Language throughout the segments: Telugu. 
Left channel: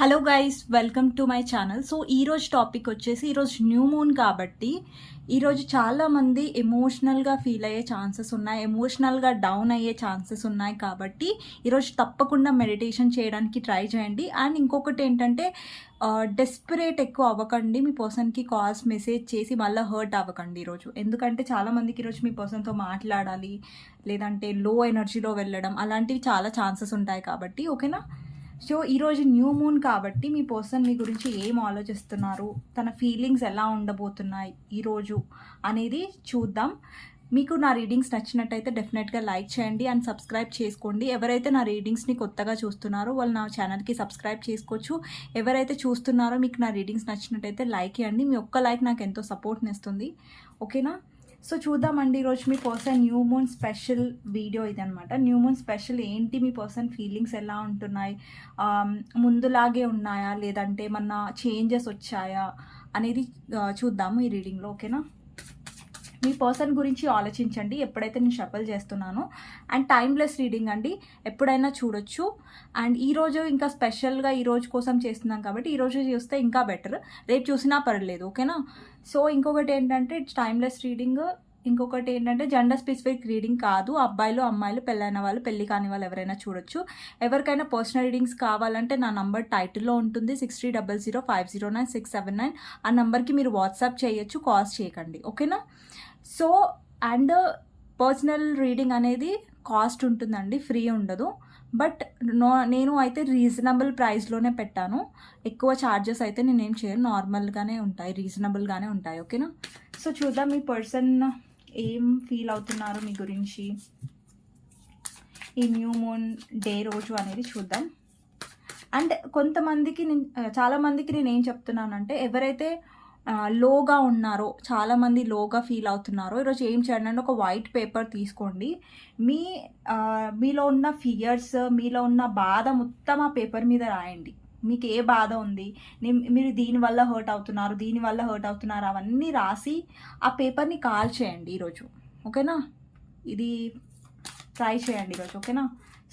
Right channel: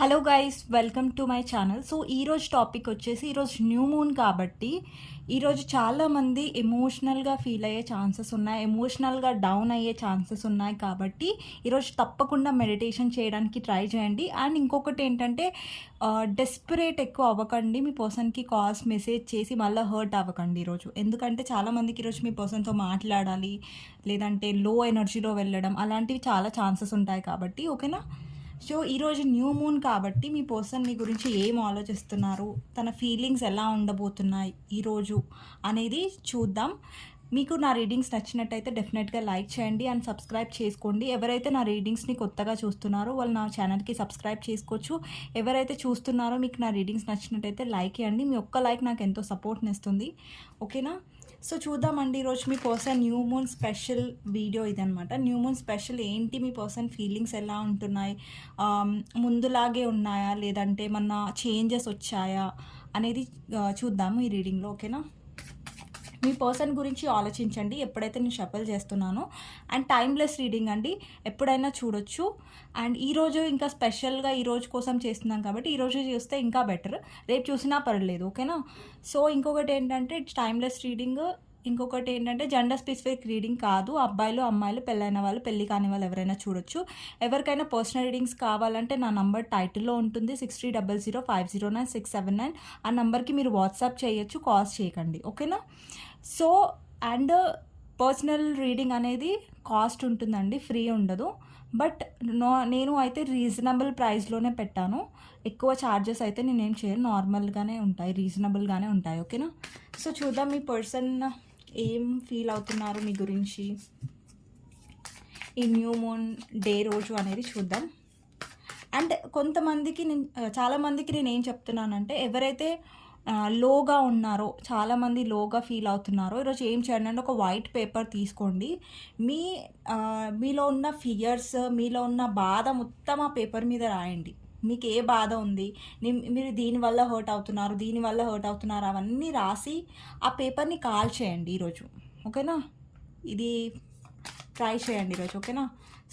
Hello guys, welcome to my channel. So ఈరోజు టాపిక్ వచ్చేసి ఈరోజు న్యూ మూన్ కాబట్టి ఈరోజు చాలామంది ఎమోషనల్గా ఫీల్ అయ్యే ఛాన్సెస్ ఉన్నాయి, ఎమోషనల్గా డౌన్ అయ్యే ఛాన్సెస్ ఉన్నాయి. కాబట్టి ఈరోజు తప్పకుండా మెడిటేషన్ చేయడానికి ట్రై చేయండి. అండ్ ఇంకొకటి ఏంటంటే డెస్పరేట్ ఎక్కువ అవ్వకండి. మీ పర్సన్కి కాల్స్ మెసేజ్ చేసి మళ్ళీ హర్ట్ అవ్వకండి ఈరోజు. ఎందుకంటే చాలామందికి ఈరోజు మీ పర్సన్తో మాట్లాడాలి, లేదంటే లో ఎనర్జీలో వెళ్ళడం అలాంటివి చాలా ఛాన్సెస్ ఉంటాయి. కాబట్టి ఓకేనా. సో ఈరోజు న్యూ మూన్ కాబట్టి మీ పర్సన్ మీ గురించి ఏం ఆలోచిస్తున్నారు, తన ఫీలింగ్స్ ఎలా ఉండబోతున్నాయి ఈరోజు అనేది చూద్దాం. మీకు నా రీడింగ్స్ నచ్చినట్టయితే డెఫినెట్గా లైక్ చేయండి అండ్ సబ్స్క్రైబ్ చేసుకోండి. ఎవరైతే నా రీడింగ్స్ని కొత్తగా చూస్తున్నారో వాళ్ళు నా ఛానల్కి సబ్స్క్రైబ్ చేసుకోవచ్చు. ఎవరైతే చూస్తున్నారో మీకు నా రీడింగ్స్ నచ్చినట్టయితే లైక్ చేయండి. మీ ఒక్క లైక్ నాకు ఎంతో సపోర్ట్ని ఇస్తుంది. ఓకేనా. సో చూద్దామండి ఈరోజు మీ person new moon special video ఇదనమాట. న్యూ మూన్ స్పెషల్ ఏంటి, మీ పర్సన్ ఫీలింగ్స్ ఎలా ఉంటున్నాయి, ముందులాగే ఉన్నాయా లేదంటే ఏమన్నా చేంజెస్ వచ్చాయా అనేది చూద్దాము ఈ రీడింగ్లో. ఓకేనా. మీ పర్సన్ గురించి ఆలోచించండి ఎప్పుడైతే నేను షఫల్ చేస్తున్నానో. అండ్ టైమ్లెస్ రీడింగ్ అండి, ఎప్పుడైనా చూడొచ్చు. అండ్ ఈరోజు ఇంకా స్పెషల్గా ఈరోజు కోసం చేస్తున్నాం కాబట్టి ఈరోజు చూస్తే ఇంకా బెటర్, రేపు చూసినా పర్లేదు. ఓకేనా. సో ఇంకొకటి ఏంటంటే ఇట్స్ టైమ్లెస్ రీడింగ్. ఇంకొకటి ఏంటంటే జెండర్ స్పెసిఫిక్ రీడింగ్ కాదు. అబ్బాయిలు అమ్మాయిలు, పెళ్ళైన వాళ్ళు పెళ్ళి కాని వాళ్ళు ఎవరైనా చూడొచ్చు. ఎవరికైనా పర్సనల్ రీడింగ్స్ కావాలంటే నా నంబర్ టైటిల్లో ఉంటుంది 6300509679. ఆ నెంబర్కి మీరు వాట్సాప్ చేయొచ్చు, కాల్స్ చేయకండి. ఓకేనా. సో అండ్ పర్సనల్ రీడింగ్ అనేది కాస్ట్ ఉంటుందండి, ఫ్రీ ఉండదు. బట్ నేను అయితే రీజనబుల్ ప్రైస్లోనే పెట్టాను. ఎక్కువ ఛార్జెస్ అయితే నేనేం చేయను, నార్మల్గానే ఉంటాయి, రీజనబుల్గానే ఉంటాయి. ఓకేనా. సో చూద్దాం మీ పర్సన్ ఏం ఫీల్ అవుతున్నారు మీ గురించి ఈ న్యూ మూన్ డే రోజు అనేది చూద్దాం. అండ్ కొంతమందికి చాలామందికి నేను ఏం చెప్తున్నానంటే ఎవరైతే లోగా ఉన్నారో, చాలామంది లోగా ఫీల్ అవుతున్నారో ఈరోజు ఏం చేయండి అంటే ఒక వైట్ పేపర్ తీసుకోండి. మీలో ఉన్న ఫియర్స్, మీలో ఉన్న బాధ మొత్తం ఆ పేపర్ మీద రాయండి. మీకు ఏ బాధ ఉంది, మీరు దీనివల్ల హర్ట్ అవుతున్నారు, దీనివల్ల హర్ట్ అవుతున్నారు, అవన్నీ రాసి ఆ పేపర్ని కాల్ చేయండి ఈరోజు. ఓకేనా. ఇది ట్రై చేయండి ఈరోజు. ఓకేనా.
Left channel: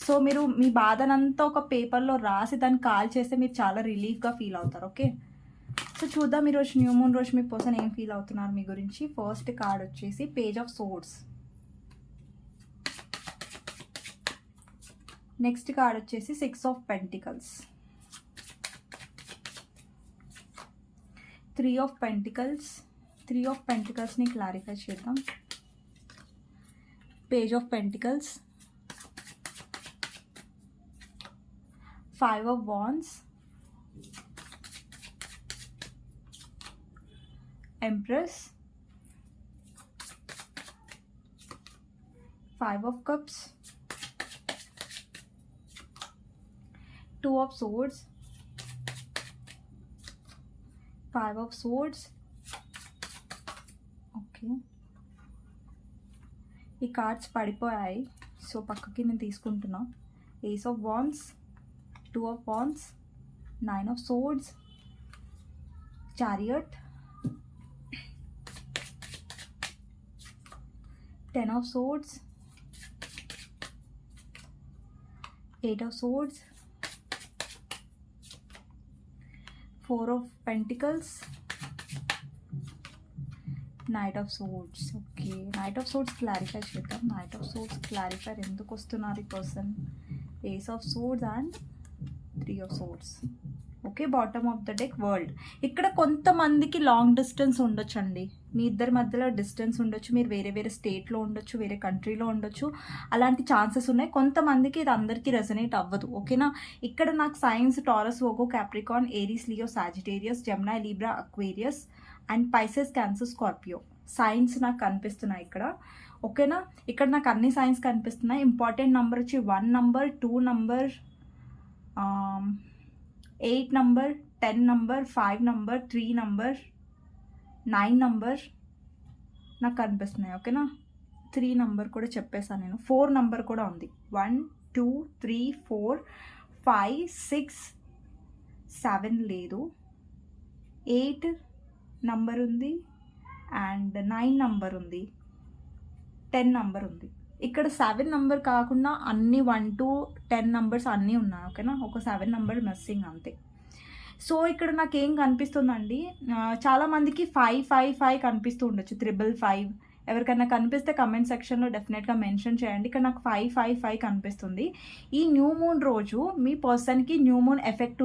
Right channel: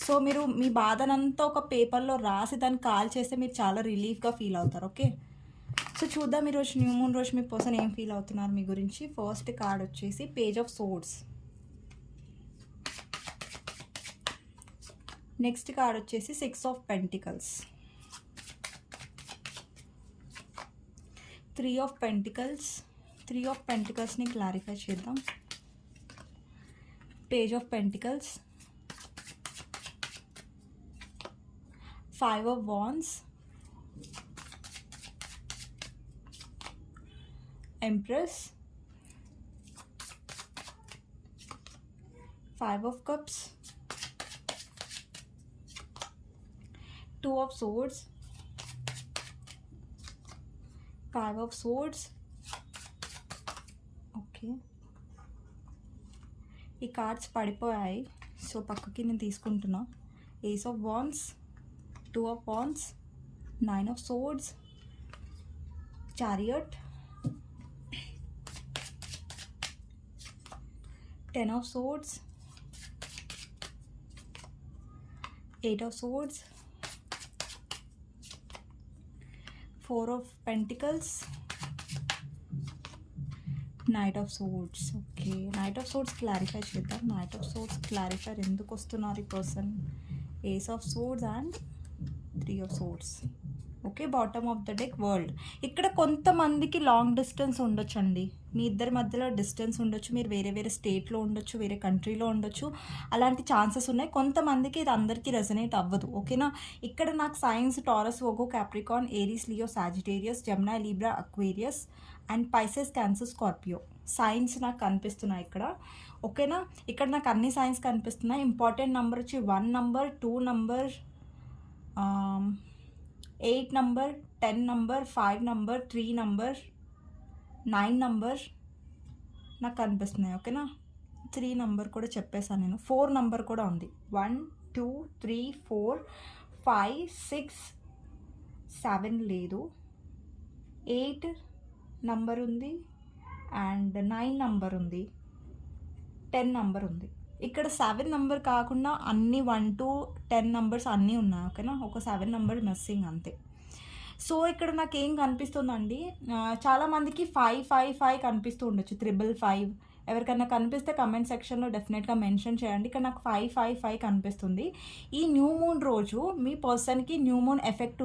సో మీరు మీ బాధనంతా ఒక పేపర్లో రాసి దాన్ని కాల్ చేస్తే మీరు చాలా రిలీఫ్గా ఫీల్ అవుతారు. ఓకే. సో చూద్దాం ఈరోజు న్యూ మూన్ రోజు మీ పర్సన్ ఏం ఫీల్ అవుతున్నారు మీ గురించి. ఫస్ట్ కార్డ్ వచ్చేసి page of swords. Next card వచ్చేసి 6 of pentacles, 3 of pentacles. 3 of పెంటికల్స్ని క్లారిఫై చేద్దాం. Page of pentacles, 5 of wands, Empress, 5 of cups, 2 of swords, 5 of swords. Okay, ఈ కార్డ్స్ పడిపోయాయి, సో పక్కకి నేను తీసుకుంటున్నా. Ace of wands, 2 of wands, 9 of swords, chariot, 10 of swords, 8 of swords, 4 of pentacles, Knight of swords. Okay, Knight of swords clarify చేద్దాం. Knight of swords క్లారిఫై ఎందుకు వస్తున్నారు ఈ person. Ace of swords and 3 of swords. Okay, bottom of the deck world. ఇక్కడ కొంతమందికి లాంగ్ డిస్టెన్స్ ఉండొచ్చు అండి, మీ ఇద్దరి మధ్యలో డిస్టెన్స్ ఉండొచ్చు, మీరు వేరే వేరే స్టేట్లో ఉండొచ్చు, వేరే కంట్రీలో ఉండొచ్చు, అలాంటి ఛాన్సెస్ ఉన్నాయి. కొంతమందికి ఇది అందరికీ రెజనేట్ అవ్వదు. ఓకేనా. ఇక్కడ నాకు science, taurus, Vogo, Capricorn, Aries, Leo, Sagittarius, Gemini, Libra, Aquarius and Pisces, Cancer, Scorpio science నాకు కనిపిస్తున్నాయి ఇక్కడ. ఓకేనా. ఇక్కడ నాకు అన్ని సైన్స్ కనిపిస్తున్నాయి. ఇంపార్టెంట్ నెంబర్ వచ్చి 1 number, 2 number, 8 number, 10 number, 5 number, 3 number, 9 number నాకు కనిపిస్తున్నాయి. ఓకేనా. 3 నంబర్ కూడా చెప్పేసాను నేను. 4 నంబర్ కూడా ఉంది. 1 2 3 4 5 6 7 లేదు, 8 నంబర్ ఉంది అండ్ 9 నంబర్ ఉంది, 10 నంబర్ ఉంది. ఇక్కడ 7 నంబర్ కాకుండా అన్ని 1 to 10 నంబర్స్ అన్నీ ఉన్నాయి. ఓకేనా. ఒక 7 నంబర్ మిస్సింగ్ అంతే. సో, ఇక్కడ నాకేం కనిపిస్తుందండి, చాలా మందికి 5, 5, 5 కనిపిస్తూ ఉండొచ్చు. 555 ఎవరికన్నా కనిపిస్తే కామెంట్ సెక్షన్‌లో డెఫినెట్‌గా మెన్షన్ చేయండి. ఇక్కడ నాకు 5, 5, 5 కనిపిస్తుంది. ఈ న్యూ మూన్ రోజు మీ పర్సన్‌కి న్యూ మూన్ ఎఫెక్ట్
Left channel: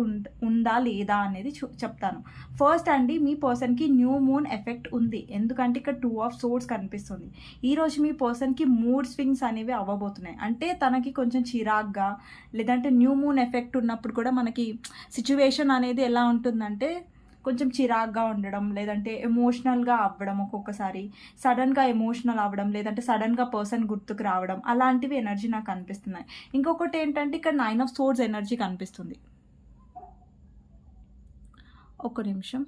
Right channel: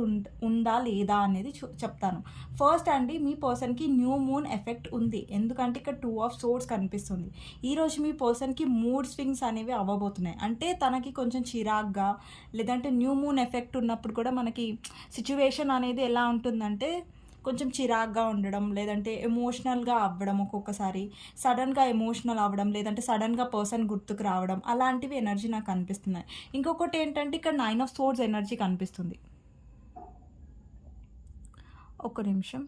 ఉందా లేదా అనేది చెప్తాను. ఫస్ట్ అండి, మీ పర్సన్‌కి న్యూ మూన్ ఎఫెక్ట్ ఉంది. ఎందుకంటే ఇక్కడ 2 ఆఫ్ సోర్డ్స్ కనిపిస్తుంది. ఈరోజు మీ పర్సన్‌కి మూడ్ స్వింగ్స్ అనేవి అవ్వబోతున్నాయి. అంటే తనకి కొంచెం చిరాగ్గా, లేదంటే న్యూ మూన్ ఎఫెక్ట్ ఉన్నప్పుడు కూడా మనకి సిట్యుయేషన్ అనేది ఎలా ఉంటుందంటే కొంచెం చిరాగ్గా ఉండడం, లేదంటే ఎమోషనల్‌గా అవ్వడం, ఒక్కొక్కసారి సడన్‌గా ఎమోషనల్ అవ్వడం, లేదంటే సడన్‌గా పర్సన్ గుర్తుకు రావడం, అలాంటివి ఎనర్జీ నాకు కనిపిస్తున్నాయి. ఇంకొకటి ఏంటంటే ఇక్కడ 9 ఆఫ్ సోర్డ్స్ ఎనర్జీ కనిపిస్తుంది. ఒక్క నిమిషం.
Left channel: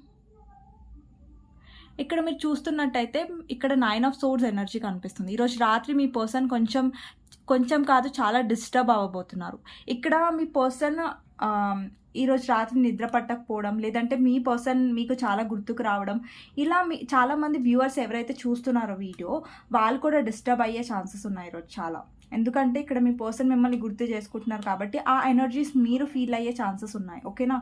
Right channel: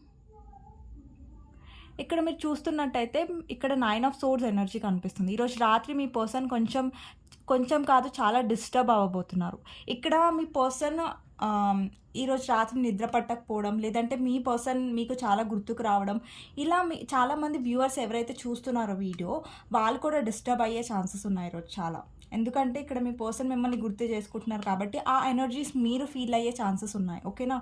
ఇక్కడ మీరు చూస్తున్నట్టయితే ఇక్కడ 9 ఆఫ్ సోర్డ్స్ ఎనర్జీ కనిపిస్తుంది. ఈరోజు రాత్రి మీ పర్సన్ కొంచెం కాదు చాలా డిస్టర్బ్ అవ్వబోతున్నారు. ఇక్కడ మీ పర్సన్ ఈరోజు రాత్రి నిద్ర పట్టకపోవడం, లేదంటే మీ పర్సన్ మీకు చాలా గుర్తుకు రావడం, ఇలా చాలామంది వ్యూవర్స్ ఎవరైతే చూస్తున్నారో వీడియో, వాళ్ళు కూడా డిస్టర్బ్ అయ్యే ఛాన్సెస్ ఉన్నాయి ఈరోజు చాలా. ఎందుకంటే ఇక్కడ మీ పర్సన్ మిమ్మల్ని గుర్తు చేసుకుంటున్నారు కాబట్టి ఆ ఎనర్జీస్ మీరు ఫీల్ అయ్యే ఛాన్సెస్ ఉన్నాయి. ఓకేనా?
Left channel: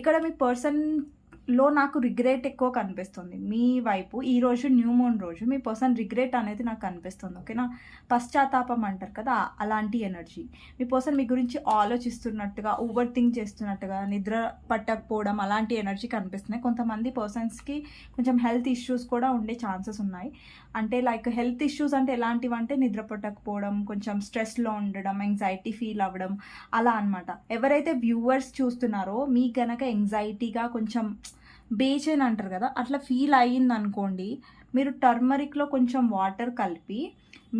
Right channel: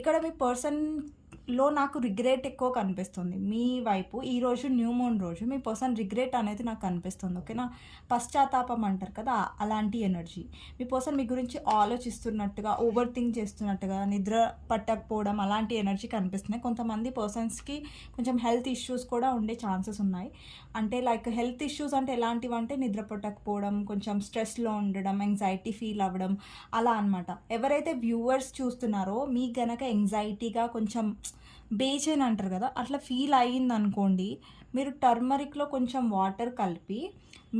ఇక్కడ మీ పర్సన్లో నాకు రిగ్రెట్ ఎక్కువ కనిపిస్తుంది. మీ వైపు ఈరోజు న్యూ మూన్ రోజు మీ పర్సన్ రిగ్రెట్ అనేది నాకు కనిపిస్తుంది. ఓకేనా? పశ్చాత్తాపం అంటారు కదా, అలాంటి ఎనర్జీ. మీ పర్సన్ మీ గురించి ఆలోచిస్తున్నట్టుగా, ఓవర్ థింక్ చేస్తున్నట్టుగా, నిద్ర పట్టకపోవడం, అలాంటి ఎనర్జీ కనిపిస్తున్నాయి. కొంతమంది పర్సన్స్కి కొంచెం హెల్త్ ఇష్యూస్ కూడా ఉండే ఛాన్సెస్ ఉన్నాయి. అంటే లైక్ హెల్త్ ఇష్యూస్ అంటే ఎలాంటివి అంటే నిద్ర పట్టకపోవడం, కొంచెం స్ట్రెస్లో ఉండడం, యాంగ్జైటీ ఫీల్ అవ్వడం, అలా అనమాట. ఎవరైతే వ్యూవర్స్ చూస్తున్నారో మీకు గనక యాంగ్జైటీగా కొంచెం బేచైన్ అంటారు కదా, అట్లా ఫీల్ అయ్యింది అనుకోండి, మీరు టర్మరిక్లో కొంచెం వాటర్ కలిపి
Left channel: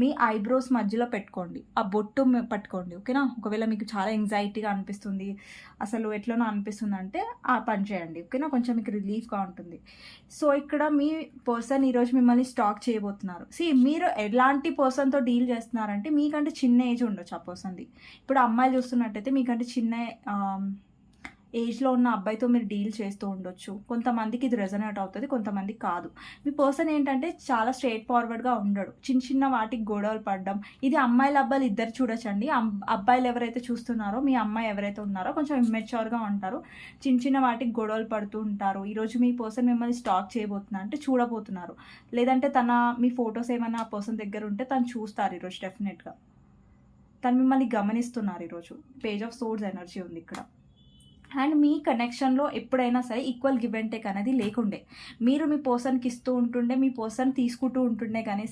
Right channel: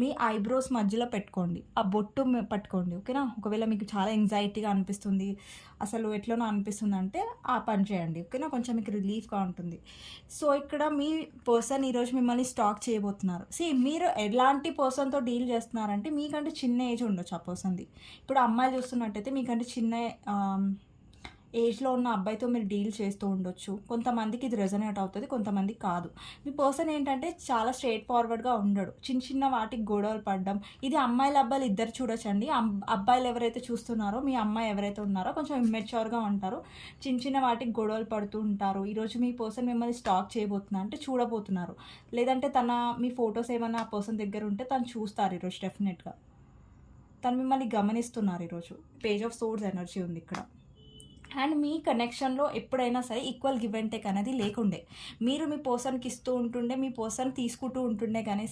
మీ ఐబ్రోస్ మధ్యలో పెట్టుకోండి, ఆ బొట్టు పట్టుకోండి. ఓకేనా? ఒకవేళ మీకు చాలా యాంగ్జైటీగా అనిపిస్తుంది, అసలు ఎట్లనో అనిపిస్తుంది అంటే ఆ పని చేయండి. ఓకేనా? కొంచెం మీకు రిలీఫ్గా ఉంటుంది. సో ఇక్కడ మీ పర్సన్ ఈరోజు మిమ్మల్ని స్టాక్ చేయబోతున్నారు. మీరు ఎలాంటి పర్సన్తో డీల్ చేస్తున్నారంటే మీకంటే చిన్న ఏజ్ ఉండొచ్చు ఆ పర్సన్ది. ఇప్పుడు అమ్మాయిలు చూస్తున్నట్టయితే మీకంటే చిన్న ఏజ్లో ఉన్న అబ్బాయితో మీరు డీల్ చేస్తూ ఉండొచ్చు. కొంతమందికి ఇది రెజొనేట్ అవుతుంది, కొంతమందికి కాదు. మీ పర్సన్ ఏంటంటే చాలా స్ట్రైట్ ఫార్వర్డ్గా ఉండడు. చిన్న వాటికి గొడవలు పడడం, ఇది అమ్మాయిలు అబ్బాయిలు ఇద్దరు చూడొచ్చండి. అబ్బాయిలు ఎవరైతే చూస్తున్నారో, మీ అమ్మాయి ఎవరైతే ఉన్నారో కొంచెం ఇమ్మెచ్యూర్గా ఉంటారు, చిన్న వాటికి గొడవలు పడుతూ ఉంటారు. ఈరోజు మీ పర్సన్ మిమ్మల్ని స్టాక్ చేయబోతున్నారు అంటే చూడబోతున్నారు, లేదంటే మీ ఫొటోస్ ఏమైనా ఆ పర్సన్ దగ్గర ఉంటే తను చూస్తారు ఈరోజు డెఫినెట్గా. తను మిమ్మల్ని గమనిస్తున్నారు ఈరోజు. పేజ్ ఆఫ్ సోర్డ్స్ ఎనర్జీ ఉంది ఇక్కడ. అండ్ మీ కనెక్షన్లో ఎప్పుడైనా సరే ఈక్వల్ గివ్ అండ్ టేక్ అనేది లేకుండే. మీరు మీ పర్సన్కి ఇస్తూ ఉంటుండే, మీ పర్సన్ తీసుకుంటూ ఉంటుండే, కానీ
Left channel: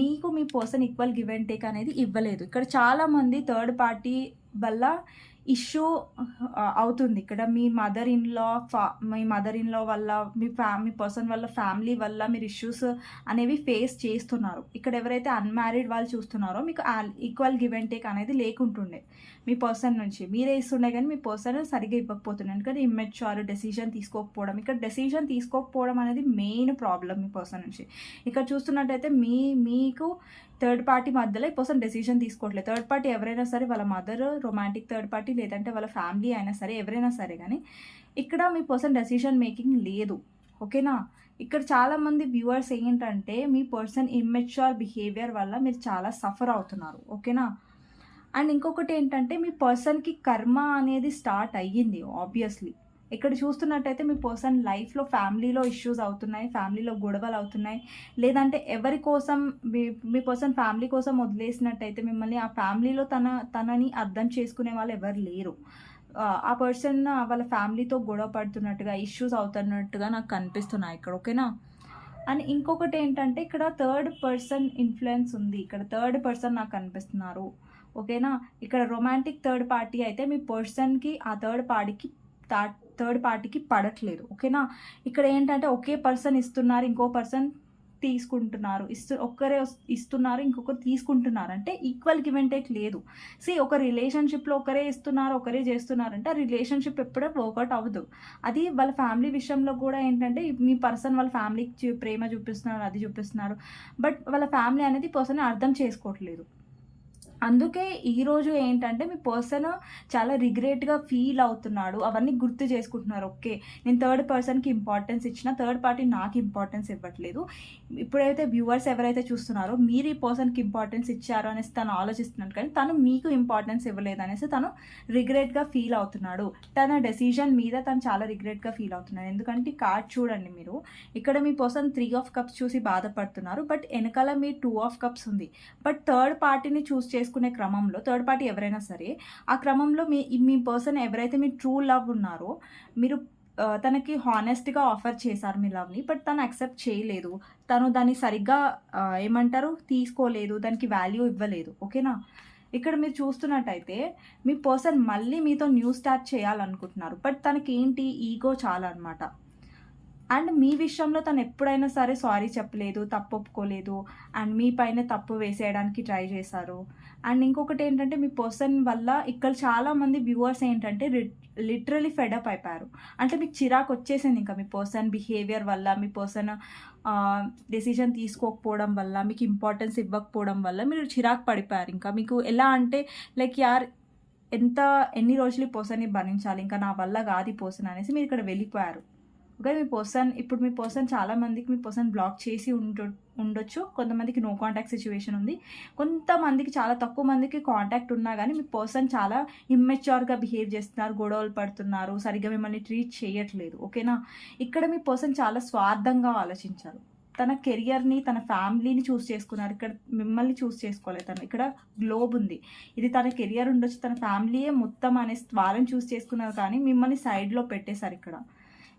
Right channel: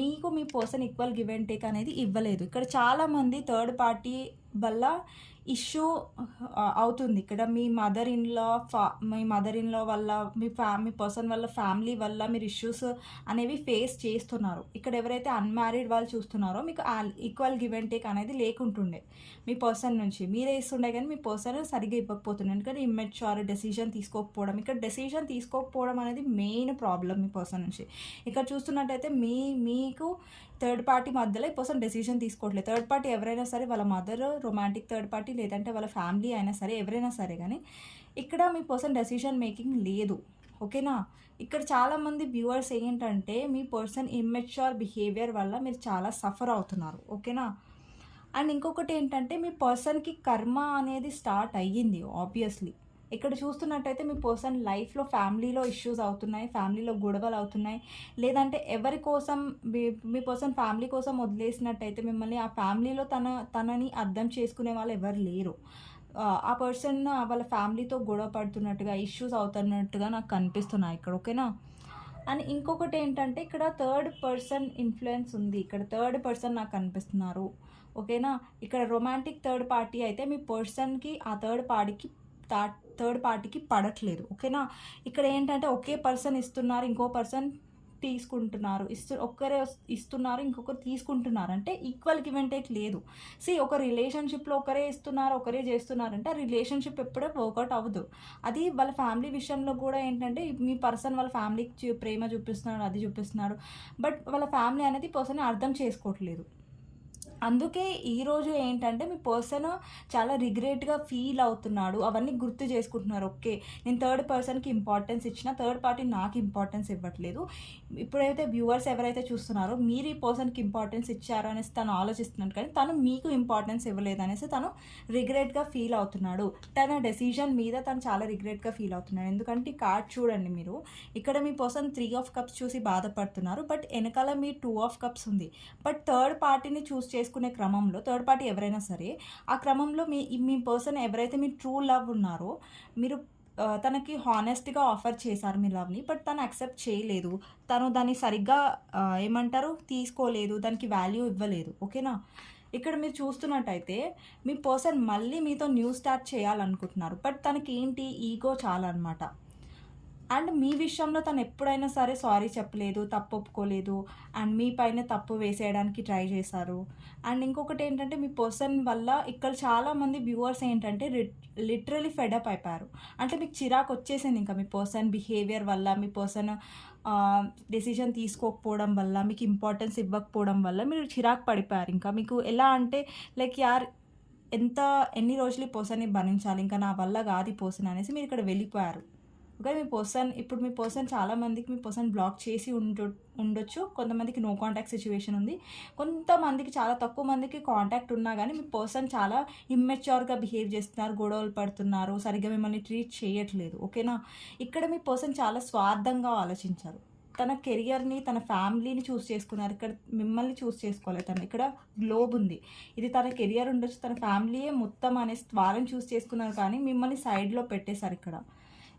మీకు మీ person equal give and take అనేది ఇవ్వలేదు. ఇక్కడ చాలామంది థర్డ్ పార్టీ వల్ల ఇష్యూ అవుతుంది. ఇక్కడ మీ మదర్ ఇన్‌లా వల్ల, మీ పర్సన్ వల్ల, ఫ్యామిలీ వల్ల మీరు ఇష్యూస్ అనేవి ఫేస్ చేస్తున్నారు. ఇక్కడ ఎవరైతే అన్‌మ్యారీడ్ వాళ్ళు చూస్తున్నారో మీకు ఈక్వల్ గివ్ అండ్ టేక్ అనేది లేకుంటుండే మీ పర్సన్ నుంచి. మీరే ఇస్తుండే కానీ మీ పర్సన్ సరిగ్గా ఇవ్వకపోతుండే. ఎందుకంటే ఇమ్మెచ్యూర్, డెసిషన్ తీసుకోకపోవడం. ఇక్కడ డెసిషన్ తీసుకోకపోవడం అనేది మెయిన్ ప్రాబ్లం మీ పర్సన్ నుంచి. ఇక్కడ చూస్తున్నట్టయితే మీకు థర్డ్ పార్టీ మధ్యలో ఈ పర్సన్ డెసిషన్ తీసుకోవట్లేదు. థర్డ్ పార్టీ ఎవరైనా సరే, వాళ్ళ మదర్, రొమాంటిక్ థర్డ్ పార్టీ, లేదంటే వాళ్ళ ఫ్యామిలీ అయినా సరే, ఎవరైనా సరే కానీ ఇక్కడ మీ పర్సన్ డెసిషన్ మేకింగ్ లేదు. ఓకేనా? ఇక్కడ చాలామంది వ్యూవర్స్ ఏంటంటే మీ పర్సన్ ఇమ్మెచ్యూర్ బిహేవియర్ వల్ల మీరు చాలా సఫర్ అవుతున్నారు. ఓకేనా? అండ్ ఇంకొకటి ఏంటంటే మీ పర్సన్కి కర్మ అనేది స్టార్ట్ అయ్యింది ఆబ్వియస్లీ. ఇక్కడ చూస్తున్నట్టయితే మీ పర్సన్ లైఫ్లో ఫ్యామిలీలో ఇష్యూస్ అవుతున్నాయి, ఫ్యామిలీలో గొడవలు అవుతున్నాయి, లేదంటే ఎవరి కోసం మీ పర్సన్ ఫ్యామిలీ కోసం వదిలేసినట్టయితే మిమ్మల్ని, ఆ ఫ్యామిలీలో తనని అర్థం చేసుకునే వాళ్ళు ఎవరు లేరు. ఆ పర్సన్ వాళ్ళ ఫ్యామిలీతో గొడవ పడుతున్నట్టుగా, ఇష్యూస్ అవుతున్నట్టుగా నాకు కనిపిస్తున్నాయి ఇక్కడ. ఓకేనా? అండ్ ఇంకొకటి ఏంటంటే ఇక్కడ థర్డ్ పర్సన్ ఇన్ఫ్లుయెన్స్ ఉంది. ఇక్కడ థర్డ్ పర్సన్ నాకు కనిపిస్తున్నారు. ఓకేనా? ఇక్కడ రొమాంటిక్ థర్డ్ పార్టీ అయితే మీ పర్సన్కి ఆ థర్డ్ పార్టీకి పడట్లేదు. ఓకేనా? ఇక్కడ ఏంటంటే ఒకే పర్సన్ ఇస్తున్నారు, ఇంకో పర్సన్ తీసుకుంటున్నారు, ఒక్కరే ఇస్తున్నారు, ఇంకొకరు తీసుకుంటున్నారు, అంటే ఈక్వల్ గివ్ అండ్ టేక్ లేదు. ఒక రిలేషన్షిప్లో ఒకరే ఇస్తున్నారు, ఒకరే చేస్తున్నారంటే ఆ రిలేషన్షిప్ ఎప్పుడూ వర్కౌట్ అవ్వదు. అది వాళ్ళ ఫ్యామిలీ విషయంలో కూడా ఏంటంటే మీ పర్సన్ వాళ్ళ ఫ్యామిలీకి ప్రేమ చూపిస్తున్నారు, అది చూపిస్తున్నారు, బట్ వాళ్ళ ఫ్యామిలీ అనేది పర్సన్ అర్థం చేసుకోవట్లేదు. అందుకే ఈరోజు ఏంటంటే మీ పర్సన్ చాలా రిగ్రెట్‌గా ఫీల్ అవుతున్నాడు. అవన్నీ గుర్తు చేసుకుంటున్నారు. ఓకే. నేను థర్డ్ పర్సన్‌కి ఇంపార్టెన్స్ ఇచ్చినా, థర్డ్ పార్టీ నాకు ఇంపార్టెన్స్ ఇవ్వట్లేదు. ఇప్పుడైతే వ్యూవర్స్ ఎవరైతే చూస్తున్నారో మీరు ఈ పర్సన్‌కి ఇంపార్టెన్స్ ఇచ్చారు అనేసి తను ఆలోచిస్తున్నాడు. కానీ తను మీకు ఇంపార్టెన్స్ ఇవ్వలేదనేసి తను రిగ్రెట్‌గా ఫీల్ అవుతున్నాడు. తన డెసిషన్ మీద తను చాలా రిగ్రెట్‌గా ఫీల్ అవుతున్నాడు. ఎందుకంటే ఈ కార్డ్ చూడండి మీరు. ఇక్కడ మీ పర్సన్ 3 ఆఫ్ కప్స్ చూసి బాధపడుతున్నారు. బట్ ఎనకాల మీ 2 ఆఫ్ కప్స్ ఉంది. బట్ థర్డ్ పార్టీని చేసుకునే క్రమంలో థర్డ్ పార్టీ ఎవరైనా సరే ఆ క్రమంలో మీ పర్సన్ ఎవరైతే మీ ట్రూ లవ్ ఉన్నారో మీరు తనకి హానెస్ట్‌గా ఆఫర్ చేశారు మీ లవ్‌ని. బట్ తను యాక్సెప్ట్ చేయలేదు. తను దాన్ని సరిగ్గా ఏమంటారు తీసుకోలేదు. దానికి వాల్యూ ఇవ్వలేదు. ఓకేనా? ఇక్కడ మీరు చూస్తున్నట్టయితే మీ పర్సన్ మళ్ళీ మీతో న్యూ స్టార్ట్ చేయాలనుకుంటున్నారు. బట్ తనకేంటి ఈగో చాలా అనమాట. అండ్ మీ విషయంలో తను ఎప్పుడైనా సరే సారీ చెప్పలేదు, తప్పు ఒప్పుకోలేదు. అండ్ మీ పైన తప్పు వేసేయడానికి ట్రై చేశారు. అండ్ ఇంకొకటి ఏంటంటే మీ పర్సన్ వల్ల ఇక్కడ చాలామంది వ్యూవర్స్ ఏంటంటే లిటరలీ ఫెడప్ అయిపోయారు. అంటే మీకు చిరాకు వచ్చేసింది ఇంకా మీ పర్సన్ బిహేవియర్ వల్ల, మీ పర్సన్ డెసిషన్ తీసుకోకపోవడం వల్ల, మీకు ఇంపార్టెన్స్ ఇవ్వకపోవడం వల్ల మీరు చిరాకు పడిపోయారు. ఇంకా మీకు ఎలా అంటే లైక్ ఎన్ని రోజులు ఈ పర్సన్ని భరించాలి, ఇంకా నా వల్ల కాదు ఈ పర్సన్ అనేసి మీరు ఇక్కడ వెళ్ళిపోయారు. ఓకే. మీ పర్సన్ చాలా మందికి మీ పర్సన్ బ్లాక్ చేసి ఉండొచ్చు. కొంతమందికి నో కాంటాక్ట్ సిచ్యువేషన్ ఉంది. కొంతమందికి చాలా తక్కువ మందికి కాంటాక్ట్ ఉన్నా కానీ మీ పర్సన్ చాలా ఇమ్మెచ్యూర్గా బిహేవ్ చేస్తున్నారు, గొడవలు పడుతున్నారు, సరిగ్గా మిమ్మల్ని ట్రీట్ చేయట్లేదు. ఓకేనా? ఇక్కడ మీ పర్సన్ చాలా స్వార్థంగా ఆలోచించారు. తన కెరియర్ని, తన ఫ్యామిలీని చూస్ చేసుకున్నారు. ఇక్కడ మిమ్మల్ని చూస్ చేసుకోలేదు తను. ఇక్కడ గ్లోబ్ ఉంది. ఇది తన కెరియర్ ఉండొచ్చు, తన ఫ్యామిలీయే మొత్తం అనేసి వాళ్ళని చూస్ చేసుకున్నారు. కానీ మిమ్మల్ని సైడ్లో పెట్టేశారు ఇక్కడ.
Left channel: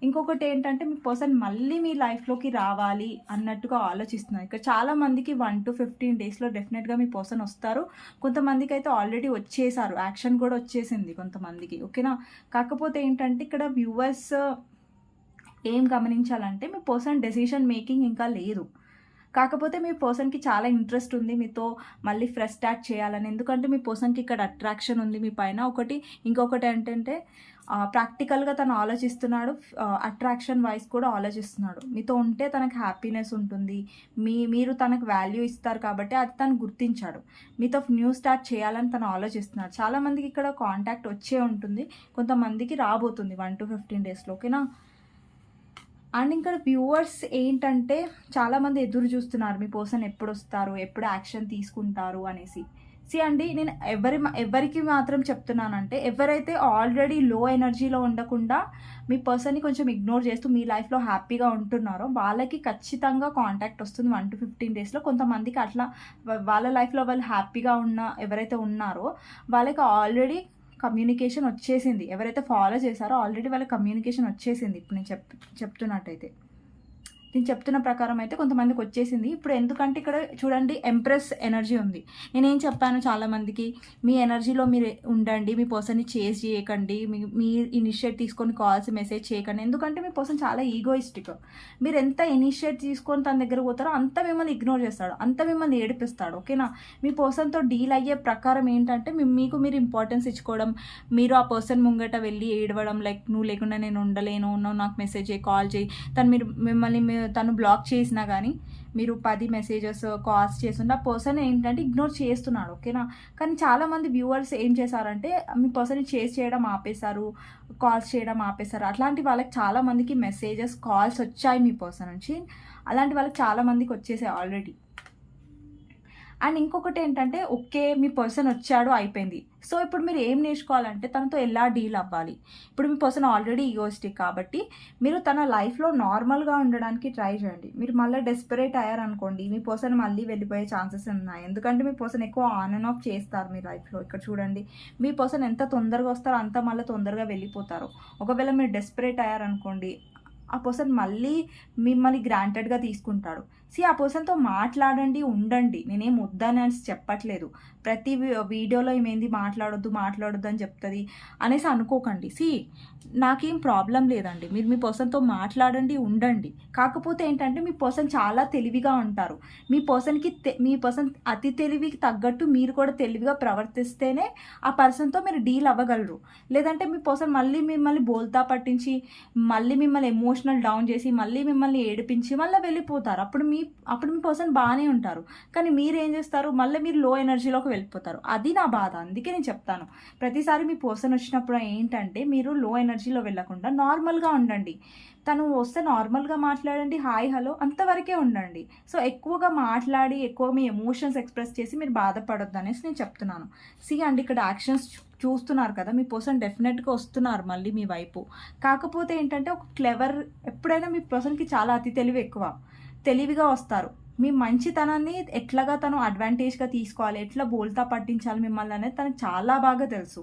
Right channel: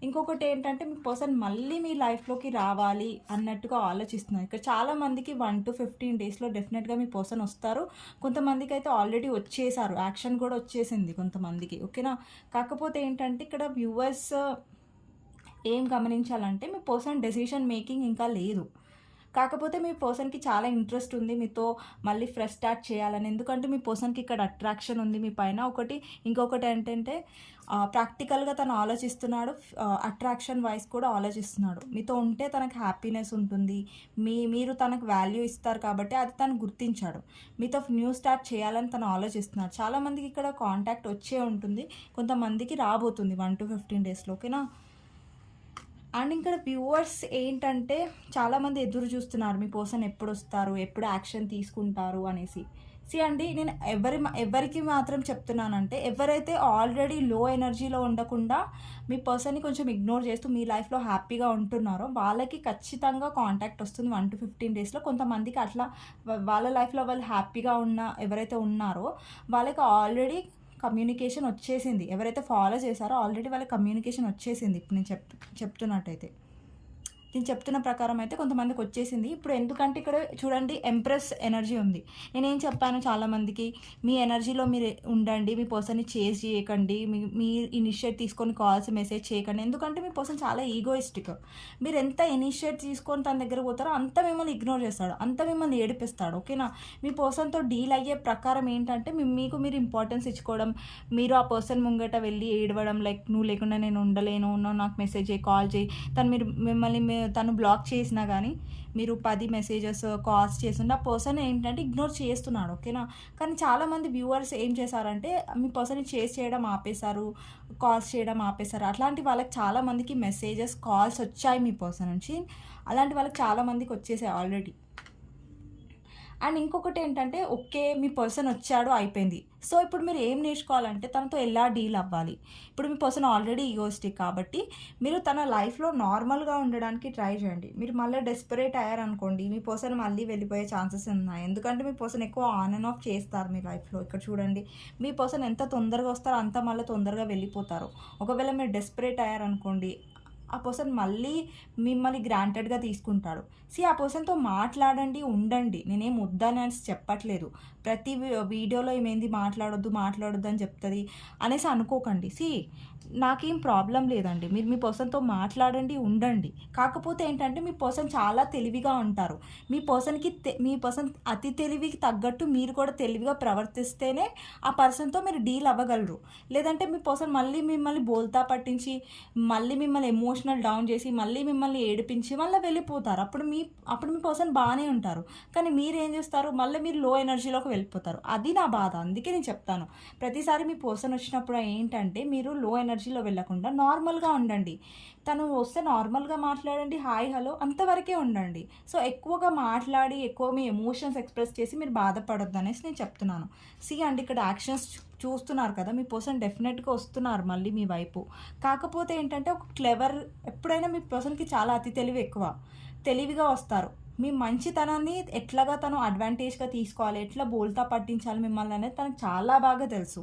ఇంకొకటి ఏంటంటే మీ పర్సన్ మళ్ళీ మీ లైఫ్లోకి రావాలి అన్నట్టుగా ఆలోచిస్తున్నారు. ఇక్కడ చాలా మందికి 1 to 15 డేస్లో డెఫినెట్గా మీ పర్సన్ వస్తారు. కొంతమందికి అయితే ఆల్రెడీ వచ్చేసారు, యాక్షన్ కూడా వచ్చేసింది కొంతమందికి. ఓకేనా? కాకపోతే ఏంటంటే ఇక్కడ వ్యూవర్స్ ఏం గమనించాలంటే మీ పర్సన్ డెసిషన్ మేకింగ్ ఇంకా లేదు. కాకపోతే మీ పర్సన్కి చాలా ఇంట్రెస్ట్ ఉంది మీతో మళ్ళీ ఫ్రెష్ స్టార్ట్ చేయాలని. ఎందుకంటే మీ పర్సన్కి ఇక్కడ అట్రాక్షన్ ఉంది మీ పైన. ఇంకొకటి ఏంటంటే ప్రాక్టికల్గా తను ఆలోచిస్తున్నాడు, అట్రాక్షన్ వైజ్ కూడా ఆలోచిస్తున్నాడు. మీతో ఉంటే తనకు హ్యాపీనెస్ ఉంటుంది, మీరు తనకు వాల్యూ ఇస్తారు కాబట్టి అది తను గుర్తించాడు. మీతో న్యూ స్టార్ట్ చేయాలని తను ఆలోచిస్తున్నాడు. చాలామందికి ఇక్కడ కాంటాక్ట్ వచ్చే ఉంటుంది, కొంతమందికి రాబోతుంది 1 to 15 డేస్లో. ఓకేనా? అండ్ ఇక్కడ వ్యూవర్స్ ఏంటంటే చాలామంది ఎదురు చూస్తున్నారు మీ పర్సన్ ఎప్పుడు వస్తారు, ఎప్పుడు యాక్షన్ తీసుకుంటారు అనేసి. అండి, నేను ఎవరికి మాత్రం చెప్తున్నానంటే ఎవరైతే ఆల్రెడీ లో ఎనర్జీలో ఉండకుండా మీ పర్సన్ని కొంచెం ఇగ్నోర్ చేస్తూ మీ లైఫ్లో హ్యాపీగా ఉంటున్నారో వాళ్ళకి ఖచ్చితంగా కాంటాక్ట్ వస్తుంది 1 to 15 డేస్లో. కొంతమందికి అట్లా వాళ్ళ లైఫ్లో వాళ్ళు హ్యాపీగా ఎవరైతే ఉన్నారో వాళ్ళకి ఆల్రెడీ కమ్యూనికేషన్ వచ్చేసింది. ఎవరైతే ఫాలో చేశారో ఆల్రెడీ వాళ్ళ కమ్యూనికేషన్ వచ్చేసింది. ఇప్పుడు నేను చెప్తున్నట్టయితే నేను చెప్తున్న ప్రకారం అయితే కొంతమందికి వచ్చేసింది. ఇప్పుడు ఎందుకంటే ఇక్కడ చూడండి ఎంప్రెస్ ఎనర్జీ ఉంది. నేనేం చెప్పాను చాలామందికి, మీ ఎనర్జీలో మీరు ఉండండి, మీ పర్సన్ని చేజ్ చేయకండి, మీ ఇనిషియేట్ తీసుకొని కాల్స్ మెసేజ్ చేయకండి. ఎందుకంటే మీ పర్సన్ చాలా ఈగోయిస్టిక్. మీరు ఎంత ఇనిషియేట్ తీసుకొని తన దగ్గర పోతారో అంత మిమ్మల్ని ఇగ్నోర్ చేస్తాడు, అంత మిమ్మల్ని ఏడిపిస్తాడు. ఓకేనా? మీ పర్సన్తో డీల్ అయ్యే ప్రకారం ఏంటంటే మీరు ఇంపార్టెన్స్ ఇచ్చుకోవడం, మీరు ఆ పర్సన్ ముంగట వెళ్ళి ఏడవడం, లైక్ నువ్వు లేకుండా నేను ఉండలేను, నువ్వు నాకు మెసేజ్ చేయి, కాల్ చేయి. తను బ్లాక్ చేసినా కానీ మీరు 10 మెసేజెస్ కాల్స్ చేస్తుంటే ఆ పర్సన్ ఏంటంటే ఇగ్నోర్ చేస్తున్నాడు. ఓకేనా? కానీ చాలామంది వ్యూవర్స్ ఏం చేశారంటే మీ పర్సన్ని చేస్ చేయడం ఆపేశారు, కాల్స్ చేయడం ఆపేశారు. అట్లాంటి వాళ్ళకి చాలామందికి మెసేజెస్ కాల్స్ వచ్చాయి మీ పర్సన్ నుంచి. అలాంటి వాళ్ళకి చాలామందికి వచ్చేసాయి ఆల్రెడీ. అండ్ ఇంకొకటి ఏంటంటే ఓకే మీ పర్సన్ వచ్చాడు అయిపోయింది. సో ఇప్పుడు మీరు ఏం నేర్చుకోవాలంటే తనతో ఎలా డీల్ అవ్వాలి. ఇప్పుడు మీ పర్సన్ ఆల్రెడీ ఈగోయిస్టిక్ కాబట్టి మీరు తన లైఫ్లో నార్మల్గా ఉండడానికి ట్రై చేయండి. మీరు మళ్ళీ డెస్పరేట్ అయ్యారనుకోండి మీ పర్సన్ మళ్ళీ వెళ్ళిపోయే ఛాన్సెస్ ఉన్నాయి. ఎందుకంటే మీ పర్సన్ ఎక్కువ ఆన్ అండ్ ఆఫ్ చేస్తారు మీ లైఫ్లో. ఇక్కడ చూడండి మీ పర్సన్ ఎంత తొందరగా వస్తారో అంత మళ్ళీ తొందరగా వెళ్ళిపోతారు. ఒకవేళ మీరు డెస్పరేట్ అయ్యారనుకోండి ఆ పర్సన్ మళ్ళీ మిమ్మల్ని గ్రాంటెడ్గా తీసుకుంటాడు. ఆ పర్సన్తో మాట్లాడండి, ఉండండి. నేనేం వద్దని చెప్పట్లేదు. ప్రతి వీడియోలో ఏమేంది మాట్లాడొద్దు అని చెప్తుంది అనేసి అనుకోకండి. నాకేం ప్రాబ్లం లేదండి, మీరు మీ పర్సన్తో మాట్లాడండి, ఉండండి. కాకపోతే ఏంటంటే మీ పర్సన్ చాలా తెలివిగా ఉంటారు. మీ పర్సన్ అతి తెలివికి తగ్గట్టు మీరు కూడా తెలివిగా ప్రవర్తిస్తేనే ఆ పర్సన్తో మీరు డీల్ అవ్వగలరు. లేదంటే మీ పర్సన్ మళ్ళీ మిమ్మల్ని బోల్తా పట్టించి మళ్ళీ మిమ్మల్ని ఎమోషనల్ డౌన్ చేసి మళ్ళీ మిమ్మల్ని ఏడిపించి మళ్ళీ వెళ్ళిపోతారు. అప్పుడు మీ పర్సన్ బాగానే ఉంటారు, కానీ మీరేం చేస్తారు, మళ్ళీ మీరు లో ఎనర్జీలోకి వెళ్ళిపోతారు. అది నా బాధ. అందుకే నేను చెప్తాను, ప్రతిసారి మీ పర్సన్ వచ్చినప్పుడు ఏంటంటే మీరు లో ఎనర్జీలో వెళ్ళకుండా నార్మల్గా ఉండండి. తను వస్తే నార్మల్గా మాట్లాడండి, హాయ్ హలో అంతవరకే ఉండండి. సో ఎక్కువగా మాట్లాడి ఎక్కువ మీ ఎమోషన్స్ ఎక్స్ప్రెస్ చేసి మీరు బాధపడొద్దు అనేసి నేను చెప్తున్నాను. అండి ఇక్కడ యాక్షన్స్ చూస్తున్నారు కదా, మీ పర్సన్ డెఫినెట్గా వస్తున్నారు మళ్ళీ మీ వైపు. కాకపోతే ఏంటంటే ఒక క్లెవర్, ఎప్పుడైనా మీ పర్సన్కి చాలా అతి తెలివి ఎక్కువ, తెలివిగా వస్తారు. మీ మంచితనాన్ని ఎట్లాగా తను అడ్వాంటేజ్గా తీసుకోవాలి, ఎట్లా బోల్తా పట్టించాలి మిమ్మల్ని అనేది తనకు చాలా బాగా తెలుసు.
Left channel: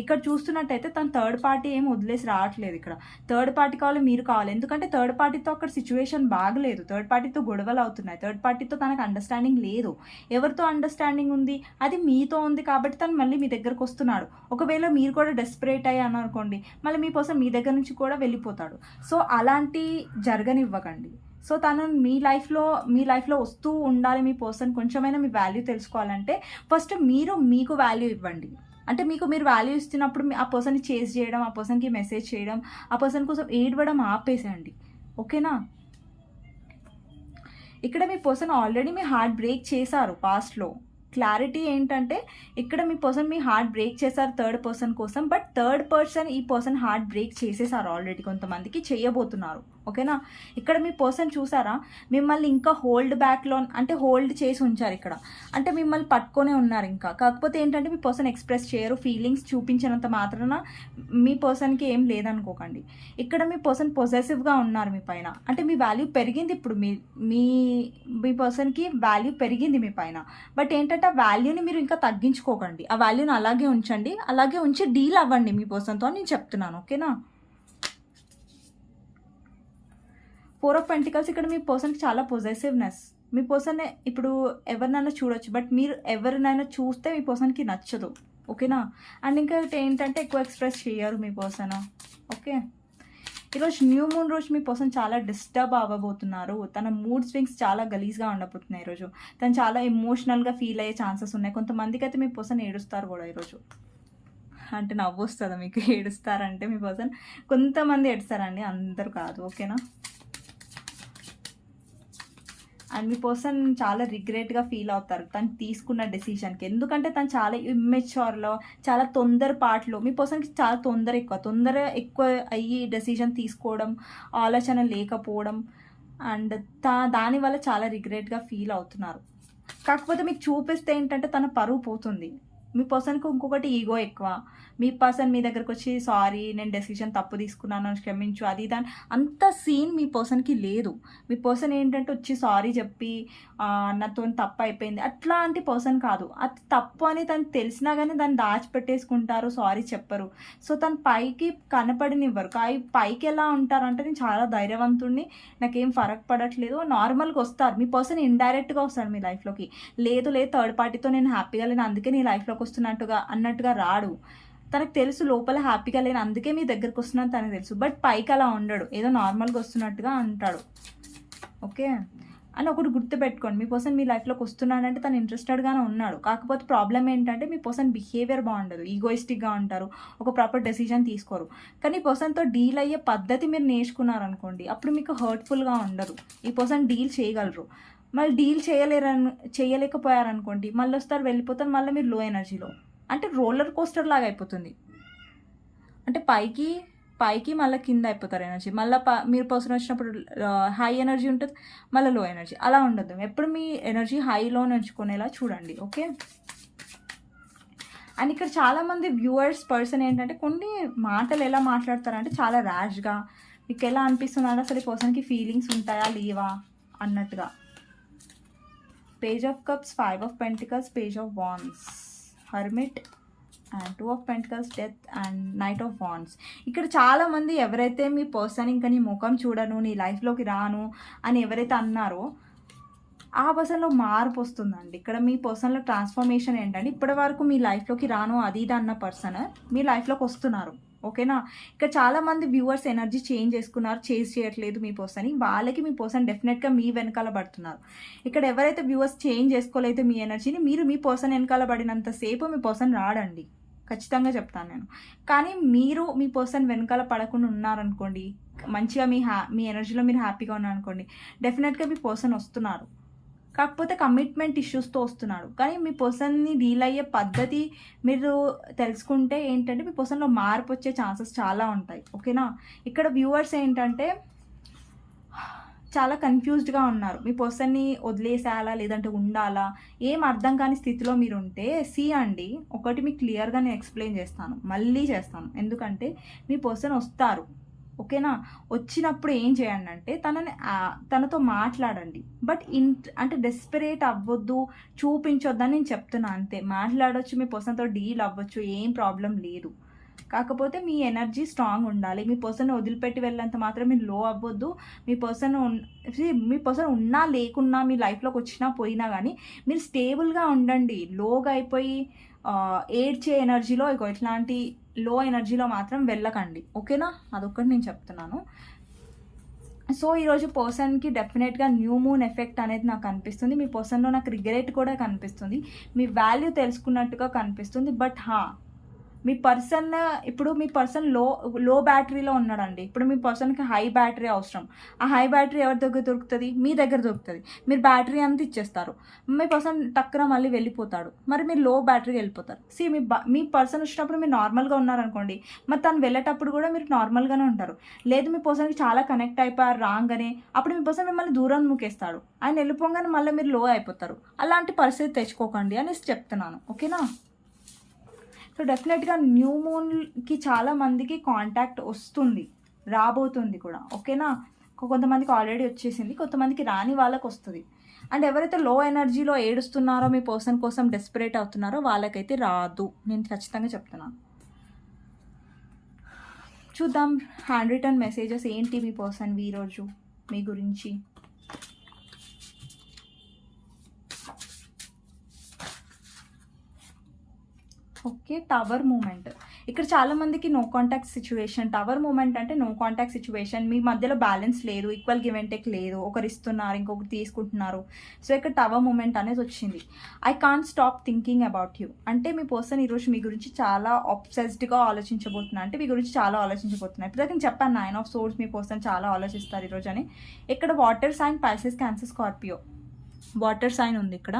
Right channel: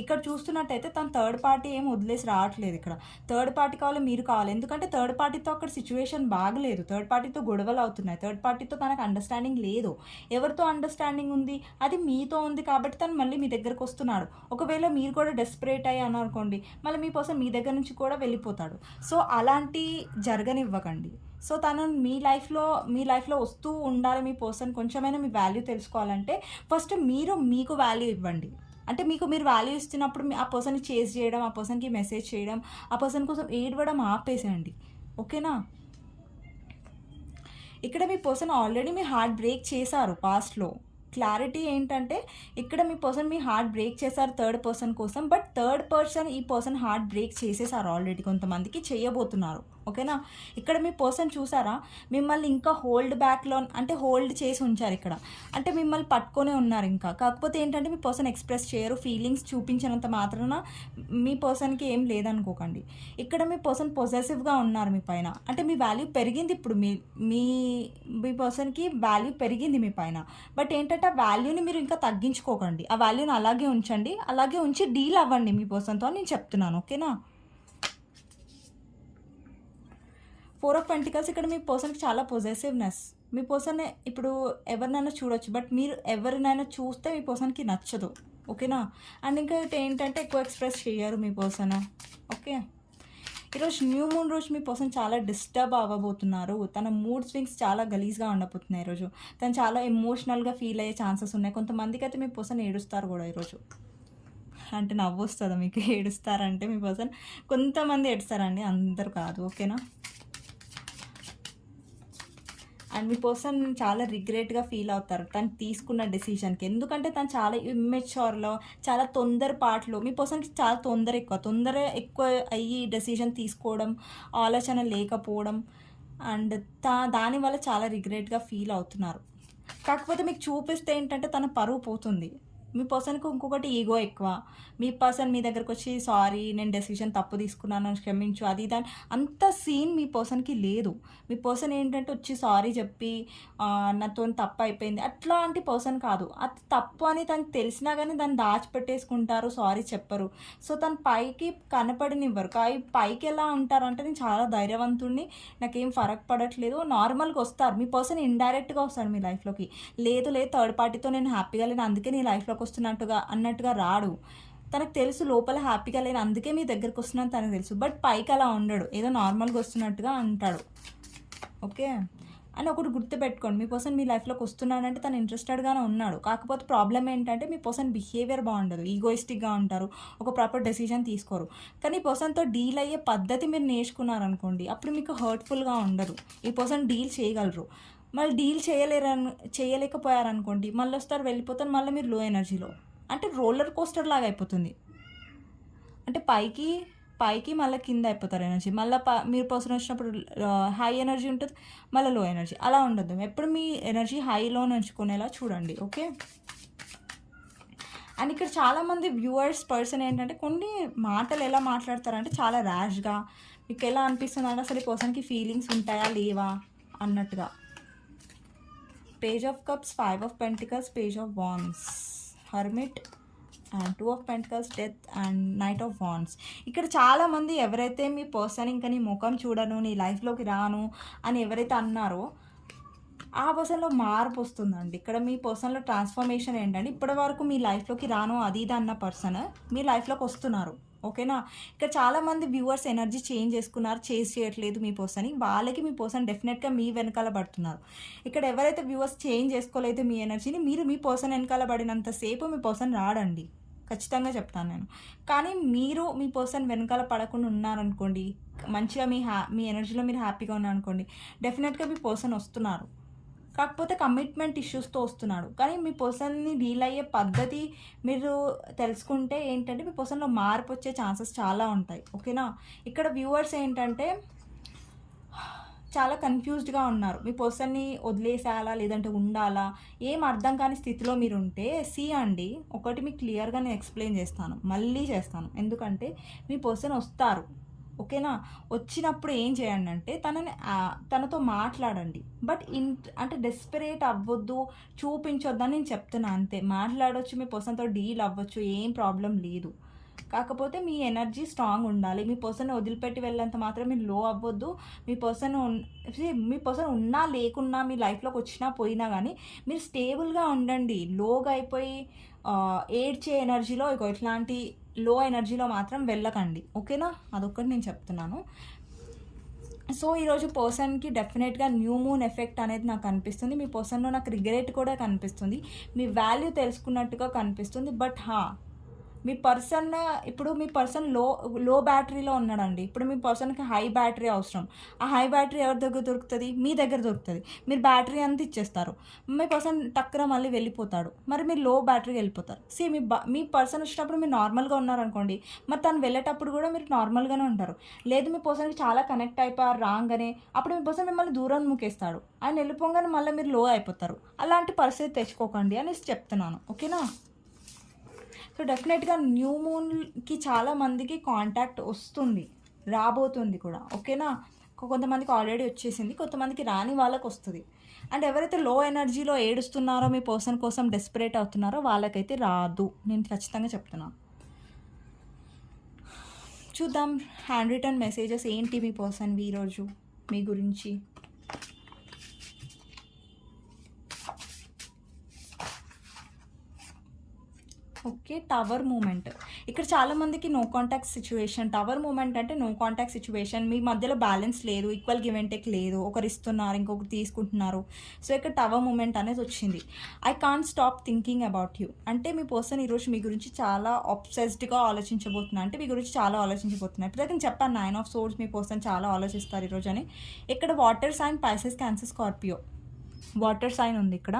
ఇక్కడ చూస్తున్నట్టయితే తను థర్డ్ పార్టీ ఏం వదిలేసి రావట్లేదు. ఇక్కడ థర్డ్ పార్టీ కావాలి, మీరు కావాలి. ఎందుకంటే థర్డ్ పార్టీతో అక్కడ సిచ్యువేషన్ బాగలేదు, థర్డ్ పార్టీతో గొడవలు అవుతున్నాయి, థర్డ్ పార్టీతో తనకు అండర్స్టాండింగ్ లేదు. ఎవరితో అండర్స్టాండింగ్ ఉంది, అది మీతో ఉంది. కాబట్టి తను మళ్ళీ మీ దగ్గరకు వస్తున్నాడు. ఒకవేళ మీరు కూడా డెస్పరేట్ అయ్యి అనుకోండి, మళ్ళీ మీ కోసం మీ దగ్గర నుంచి కూడా వెళ్ళిపోతాడు. సో అలాంటి జరగనివ్వకండి. సో తను మీ లైఫ్లో వస్తూ ఉండాలి. మీ పర్సన్ కొంచెమైనా మీ వాల్యూ తెలుసుకోవాలంటే ఫస్ట్ మీకు వాల్యూ ఇవ్వండి. అంటే మీరు వాల్యూ ఇస్తున్నప్పుడు ఆ పర్సన్ని చేజ్ చేయడం, ఆ పర్సన్కి మెసేజ్ చేయడం, ఆ పర్సన్ కోసం ఏడవడం ఆపేసేయండి. ఓకేనా? ఇక్కడ మీ పర్సన్ ఆల్రెడీ మీ హార్ట్ బ్రేక్ చేశారు పాస్ట్లో. క్లారిటీ ఏంటంటే ఇక్కడ మీ పర్సన్ మీ హార్ట్ బ్రేక్ చేశారు థర్డ్ పర్సన్ కోసం. బట్ థర్డ్ పర్సన్ ఈ పర్సన్ హార్ట్ బ్రేక్ చేసేసారు ఆల్రెడీ, కొంతమందికి చేయబోతున్నారు. ఓకేనా? ఇక్కడ మీ పర్సన్ చూసారా, మిమ్మల్ని ఇంకా హోల్డ్ చేసి ఉంచారు ఇక్కడ. అంటే మిమ్మల్ని పట్టుకొనే ఉన్నారు ఇంకా. కాకపోతే ఏంటంటే మీ పర్సన్ ఎక్స్ప్రెస్ చేయరు, ఫీలింగ్స్ చూపించినంత మాత్రాన మీ పర్సన్కి ఏం లేదనుకోకండి. ఇక్కడ మీ పర్సన్ పొజెసివ్గా ఉన్నారు మీ పైన. అంటే మీ వాల్యూ పెరిగింది ఇప్పుడు, మీ పర్సన్కి వాల్యూ పెరిగింది మీ పైన. బట్ ఏంటంటే ఆ వాల్యూని మీరు ఇంకా తగ్గించుకోకండి, ఆ వాల్యూని అలాగే ఉంచండి, అలాగే ఉంచి డీల్ అవ్వండి మీ పర్సన్తో నేను చెప్తున్నాను. ఓకేనా? 4 ఆఫ్ పెంటికల్స్. ఇక్కడ మీ పర్సన్కి చాలా పొజెసివ్నెస్. మీ పర్సన్ ఇప్పుడు ఎవరినైనా చూడొచ్చు, బట్ మీరు ఎవరినైనా చూస్తే మీ పర్సన్కి నచ్చదు. ఓకేనా? అండ్ ఇంకా ఏంటంటే ఎక్కువ ఎక్స్ప్రెస్ చేయరు మీ పర్సన్. ఓకే, ఈరోజు న్యూ మూన్ రోజు మీ పర్సన్ చాలా డిస్టర్బ్ అవ్వబోతున్నారు. తన మూడ్ స్వింగ్స్ చాలా గలీజ్గా ఉండబోతున్నాయి ఈరోజు. తను చాలా ఎమోషనల్గా ఫీల్ అయ్యే ఛాన్సెస్ ఉన్నాయి. కొంతమందికి అయితే మీ పర్సన్ ఏడుస్తారు కూడా ఈరోజు. అంటే నవ్వు వస్తుందా మీకు? ఏడుస్తారంటే మీ పర్సన్ కొంతమంది ఏడుస్తారండి, అందరు కాదు. ఓకేనా? అండ్ మీ పర్సన్ చాలా రిగ్రెట్గా ఫీల్ అవుతారు తను తీసుకున్న డెసిషన్కి. ఎందుకంటే తను చాలా ఇమ్మెచ్యూర్లో, చాలా తొందరపాటులో, మీ పర్సన్కి చాలా తొందర ఎక్కువ అయ్యి డెసిషన్ తీసుకోవడం, ఆలోచన లేకపోవడం, అండ్ దానివల్ల చాలా రిగ్రెట్గా ఫీల్ అవుతున్నారు. కాకపోతే మీకు చూపిస్తే ఏంటంటే తన పరువు పోతుంది. మీ పర్సన్కి ఇంకొకటి ఈగో ఎక్కువ. మీ పర్సన్ మీ దగ్గరకు వచ్చి సారీ నేను డెసిషన్ తప్పు తీసుకున్నాను క్షమించు అది దాని అంత సీన్ మీ పర్సన్కి లేదు. మీ పర్సన్ ఏంటంటే వచ్చి సారీ చెప్పి నాతో తప్పు అయిపోయింది అట్లాంటి పర్సన్ కాదు. అది తప్పు అని తను తెలిసినా కానీ దాన్ని దాచిపెట్టేసుకుంటారు, సారీ చెప్పరు. సో తను పైకి కనపడనివ్వరు. పైకి ఎలా ఉంటారంటే నేను చాలా ధైర్యవంతుడిని, నాకేం ఫరక్ పడట్లేదు, నార్మల్గా వస్తారు. మీ పర్సన్ ఇండైరెక్ట్గా వస్తాడు మీ లైఫ్లోకి. లేదు థర్డ్ పార్టీతో నేను హ్యాపీగా లేను అందుకే నీ లైఫ్లోకి అన్నట్టుగా రాడు. తనకు తెలుసు లోపల హ్యాపీగా లేని అందుకే మీ దగ్గరకు వస్తున్నాను తనకు తెలుసు. బట్ పైకి అలా ఉండడు, ఏదో నార్మల్గా వస్తున్నట్టుగా అంటాడు. ఓకే అని ఒకటి గుర్తుపెట్టుకోండి, మీ పర్సన్ మీ లైఫ్లోకి వస్తున్నాడంటే తను ఇంట్రెస్టెడ్గానే ఉన్నాడు. కాకపోతే ప్రాబ్లం ఏంటంటే మీ పర్సన్ బిహేవియర్ బాగుండదు, ఈగోయిస్టిక్గా ఉంటారు, ఒక ప్రాపర్ డెసిషన్ తీసుకోరు. కానీ ఈ పర్సన్తో డీల్ అయ్యే పద్ధతి మీరు నేర్చుకున్నారనుకోండి, అప్పుడు మీకు హర్ట్ఫుల్గా ఉండదు. ఈ పర్సన్ డీల్ చేయగలరు. మళ్ళీ డీల్ చేయలేకపోయారనుకోండి, మళ్ళీ వస్తారు వెళ్ళిపోతారు, మళ్ళీ మీరు లో ఎనర్జీలో, అంటే రోలర్ కోస్టర్ లాగా అయిపోతుంది. అంటే పైకి మళ్ళీ కింద అయిపోతారు ఎనర్జీ. మళ్ళీ మీరు పర్సన్ వచ్చినప్పుడు హై ఎనర్జీ ఉంటుంది, మళ్ళీ లో ఎనర్జీ. అలా ఉండదు. ఎప్పుడు మీ ఎనర్జీ హైలో ఉంచుకునేలా చూడండి. ఓకే, అండ్ ఇక్కడ చాలామంది వ్యూవర్స్ పర్సన్ ఏంటంటే కొన్ని మాటలు ఎలా మాట్లాడతారంటే చాలా ర్యాష్గా. మీకు ఎలా అనిపిస్తుంది అంటే అసలు ఈ పర్సన్కి ఫీలింగ్స్ ఉంటాయా లేవా అన్నట్టుగా. Page of cups, 5 of pentacles, page of wands, hermit, and 2 of pentacles, death, and knight of wands. ఇక్కడ చాలామంది ఎవరైతే మీ పర్సన్ ఇంకా నీ ముఖం చూడను, నీ లైఫ్లోకి రాను అని ఎవరైతే అన్నారో ఆ పర్సన్లో మార్పు వస్తుందండి. ఇక్కడ మీ పర్సన్లో ట్రాన్స్ఫర్మేషన్ ఏంటంటే ఇప్పటి వరకు మీ లైఫ్లోకి రాను అది ఇది అన్న పర్సన్ మీ లైఫ్లోకి వస్తున్నారు. ఓకేనా? ఇక్కడ చాలామంది వ్యూవర్స్ ఎనర్జీ చేంజ్ చేసుకున్నారు, చేంజ్ చేయట్లేదు మీ పర్సన్ని. వాళ్ళకి మీ పర్సన్ డెఫినెట్గా మీ వెనకాల పడుతున్నారు. ఇక్కడ ఎవరైతే వ్యూవర్స్ చేంజ్ చేసుకోలేదు మీ ఎనర్జీని, మీరు మీ పర్సన్ వెనకాల పడినంతసేపు మీ పర్సన్ రాడండి. ఖచ్చితంగా చెప్తాను నేను. కానీ మీరు మీ పర్సన్ వెనకాల పడకుండా ఉన్నారనుకోండి, మంచిగా మీ ఎనర్జీలో మీరు హ్యాపీగా ఉన్నారనుకోండి, డెఫినెట్‌గా మీ పర్సన్ వస్తున్నారు. కాకపోతే కమిట్మెంట్ ఇష్యూస్‌తో వస్తున్నాడు. కానీ మీ పర్సన్‌ని డీల్ అయ్యే పద్ధతి మీరు తెలుసుకుంటే ఏంటంటే, మీ పర్సన్‌లో మార్పొచ్చే ఛాన్సెస్ చాలా ఉంటాయి. ఓకేనా? ఇక్కడ వ్యూవర్స్ ఏంటంటే చాలా కన్‌ఫ్యూజ్డ్‌గా ఉన్నారు. మీ పర్సన్‌ని వదిలేసేయాలా? లేదంటే ఉండాలా? ఏం అర్థం కాని స్థితిలో మీరుంటే అండి. ఒకటి మీకు క్లియర్‌గా నేను ఎక్స్‌ప్లెయిన్ చేస్తాను. మళ్ళీ చేస్తాను. ఎందుకంటే మీ పర్సన్ వస్తారు. ఓకేనా? వచ్చినప్పుడు ఏం చేయండంటే తనతో మాట్లాడండి. బట్ అంటే డెస్పరేట్ అవ్వొద్దు, చూపించొద్దని నేను చెప్తున్నా అంతే. మాట్లాడొచ్చు, మీ పర్సన్‌తో డీల్ అవ్వచ్చు. ఏం ప్రాబ్లమ్ లేదు. కాకపోతే మీ ఎనర్జీ స్ట్రాంగ్ ఉండాలి. మీ పర్సన్ వదిలిపెట్టి వెళ్ళేంత మాత్రం మీరు లో అవ్వొద్దు. మీ పర్సన్ ఉన్నా లేకున్నా మీ లైఫ్‌లోకి వచ్చినా పోయినా గానీ మీరు స్టేబుల్‌గా ఉండండి. లోగా అయిపోయి ఏడ్చే ఎనర్జీలో ఇట్లాంటి లో ఎనర్జీలో మాత్రం వెళ్ళకండి. ఓకేనా? అదొక్కటి నేను చెప్తున్నాను. సో, ఈరోజు పర్సన్‌కి డెఫినెట్‌గా న్యూ మూన్ ఎఫెక్ట్ అనేది నాకు కనిపిస్తుంది. మీ పర్సన్‌లో నాకు రిగ్రెట్ కూడా కనిపిస్తుంది. మీ వాల్యూ తెలుసుకున్నట్టుగా కనిపిస్తుంది. బట్ మీ పర్సన్ లో బ్యాటరీలో ఉన్నాడండి. ఇప్పుడు మీ పర్సన్‌కి హై బ్యాటరీ అవసరం. ఆ హై బ్యాటరీ ఎవరి దగ్గర దొరుకుతది? మీ దగ్గర దొరుకుతది. మీరు బ్యాటరీ అంతా ఇచ్చేస్తారు. మీ పర్సన్ టక్కున మళ్ళీ వెళ్ళిపోతాడు. మరి మీరు లో బ్యాటరీకి వెళ్ళిపోతారు. మీ పర్సన్ వచ్చినప్పుడు మీరు నార్మల్‌గా ఉన్నారనుకోండి, మరి తను వెళ్ళేటప్పుడు కూడా మీరు నార్మల్‌గానే ఉంటారు. లేదు మీ పర్సన్‌కి చాలా కనెక్ట్ అయిపోయారు రాంగానే, అప్పుడు మీ పర్సన్ మిమ్మల్ని దూరం నూకేస్తాడు. ఆయన వెళ్ళిపోగానే మళ్ళీ మీరు లో అయిపోతారు. అలాంటి పరిస్థితి తెచ్చుకోకండి అనేసి చెప్తున్నాను. ఓకేనా? సో, డెఫినెట్‌గా న్యూ మూన్‌కి చాలా మందికి కాంటాక్ట్ వస్తుంది. రాబోతుంది కూడా. ఓకేనా? కొంతమందికి ఆల్రెడీ వచ్చేసింది. కొంతమందికి రాని వాళ్ళకొస్తది. అండ్ ఎవరైతే లో ఎనర్జీలో ఏడుస్తున్నారో, మీ పర్సన్ కోసం డెస్పరేట్ అవుతున్నారో వాళ్ళకైతే రాదు. నేను ఖచ్చితంగా చెప్తున్నాను. చూద్దాం హ్యాండ్ రిటన్ మెసేజెస్ ఏంటి మీ పర్సన్‌వి ఈరోజు మీ గురించి. ఓకే. Tower moment. ఇక్కడ చాలా మందికి no contact situation. Tower moment అంటే నో కాంటాక్ట్ సిట్యుయేషన్. మీ మధ్యలో బ్యాలెన్స్ లేదు. ఈక్వల్ గివ్ అండ్ టేక్ లేదు. ఒకరు ఇస్తున్నారు, ఇంకొకరు తీసుకుంటున్నారు. సో, ఇక్కడ టవర్ మూమెంట్ అనేది వచ్చింది. I can't stop thinking about you. అంటే మీ పర్సన్ ఈరోజు మీ గురించి చాలా అబ్సెస్డ్‌గా ఆలోచించబోతున్నారు. అంటే మీ గురించి చాలా ఆలోచించబోతున్నారు. ఇప్పుడు నేను చెప్పాను 9 ఆఫ్ సోర్డ్స్ మీ పర్సన్ చాలా ఆలోచిస్తారు ఈరోజు అని. ఇక్కడ water sign Pisces, Cancer, Scorpio. Water sign ఉంది ఇక్కడ.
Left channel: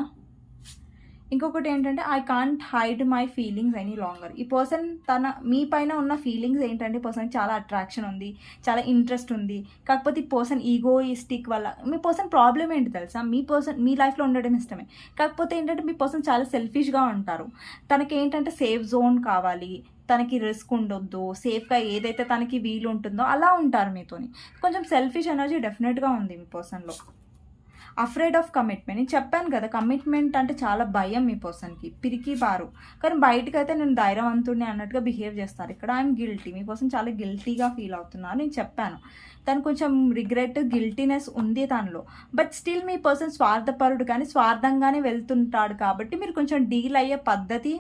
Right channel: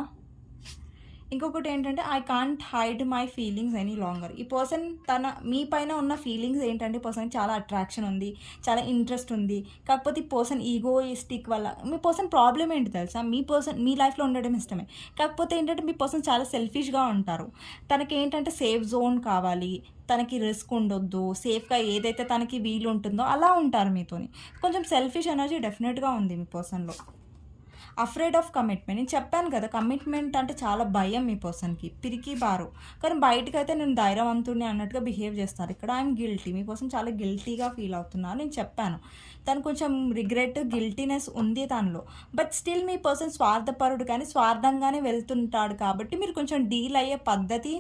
ఇంకొకటి ఏంటంటే I can't hide my feelings any longer. ఈ పర్సన్ మీ పైన ఉన్న ఫీలింగ్స్ ఏంటంటే పర్సన్కి చాలా అట్రాక్షన్ ఉంది, చాలా ఇంట్రెస్ట్ ఉంది. కాకపోతే ఈ పర్సన్ ఈగోయిస్టిక్ వల్ల మీ పర్సన్ ప్రాబ్లం ఏంటి తెలుసా? మీ లైఫ్లో ఉండడం ఇష్టమే. కాకపోతే ఏంటంటే మీ పర్సన్ చాలా సెల్ఫిష్గా ఉంటారు. తనకి ఏంటంటే సేఫ్ జోన్ కావాలి, తనకి రిస్క్ ఉండొద్దు, సేఫ్గా ఏదైతే తనకి వీలు ఉంటుందో అలా ఉంటారు మీతోని. కొంచెం సెల్ఫిష్ ఎనర్జీ డెఫినెట్గా ఉంది మీ పర్సన్లో. Afraid of commitment. నేను చెప్పాను కదా, కమిట్మెంట్ అంటే చాలా భయం మీ పర్సన్కి. పిరికి బారు. కానీ బయటకైతే నేను ధైర్యవంతుడిని అన్నట్టుగా బిహేవ్ చేస్తారు. ఇక్కడ ఐఎమ్ గిల్టీ. మీ పర్సన్ చాలా గిల్టీగా ఫీల్ అవుతున్నారు. నేను చెప్పాను తను కొంచెం రిగ్రెట్, గిల్టీనెస్ ఉంది తనలో. బట్ స్టిల్ మీ పర్సన్ స్వార్థపరుడు కానీ స్వార్థంగానే వెళ్తుంటాడు. కాబట్టి మీరు కొంచెం డీల్ అయ్యే పద్ధతి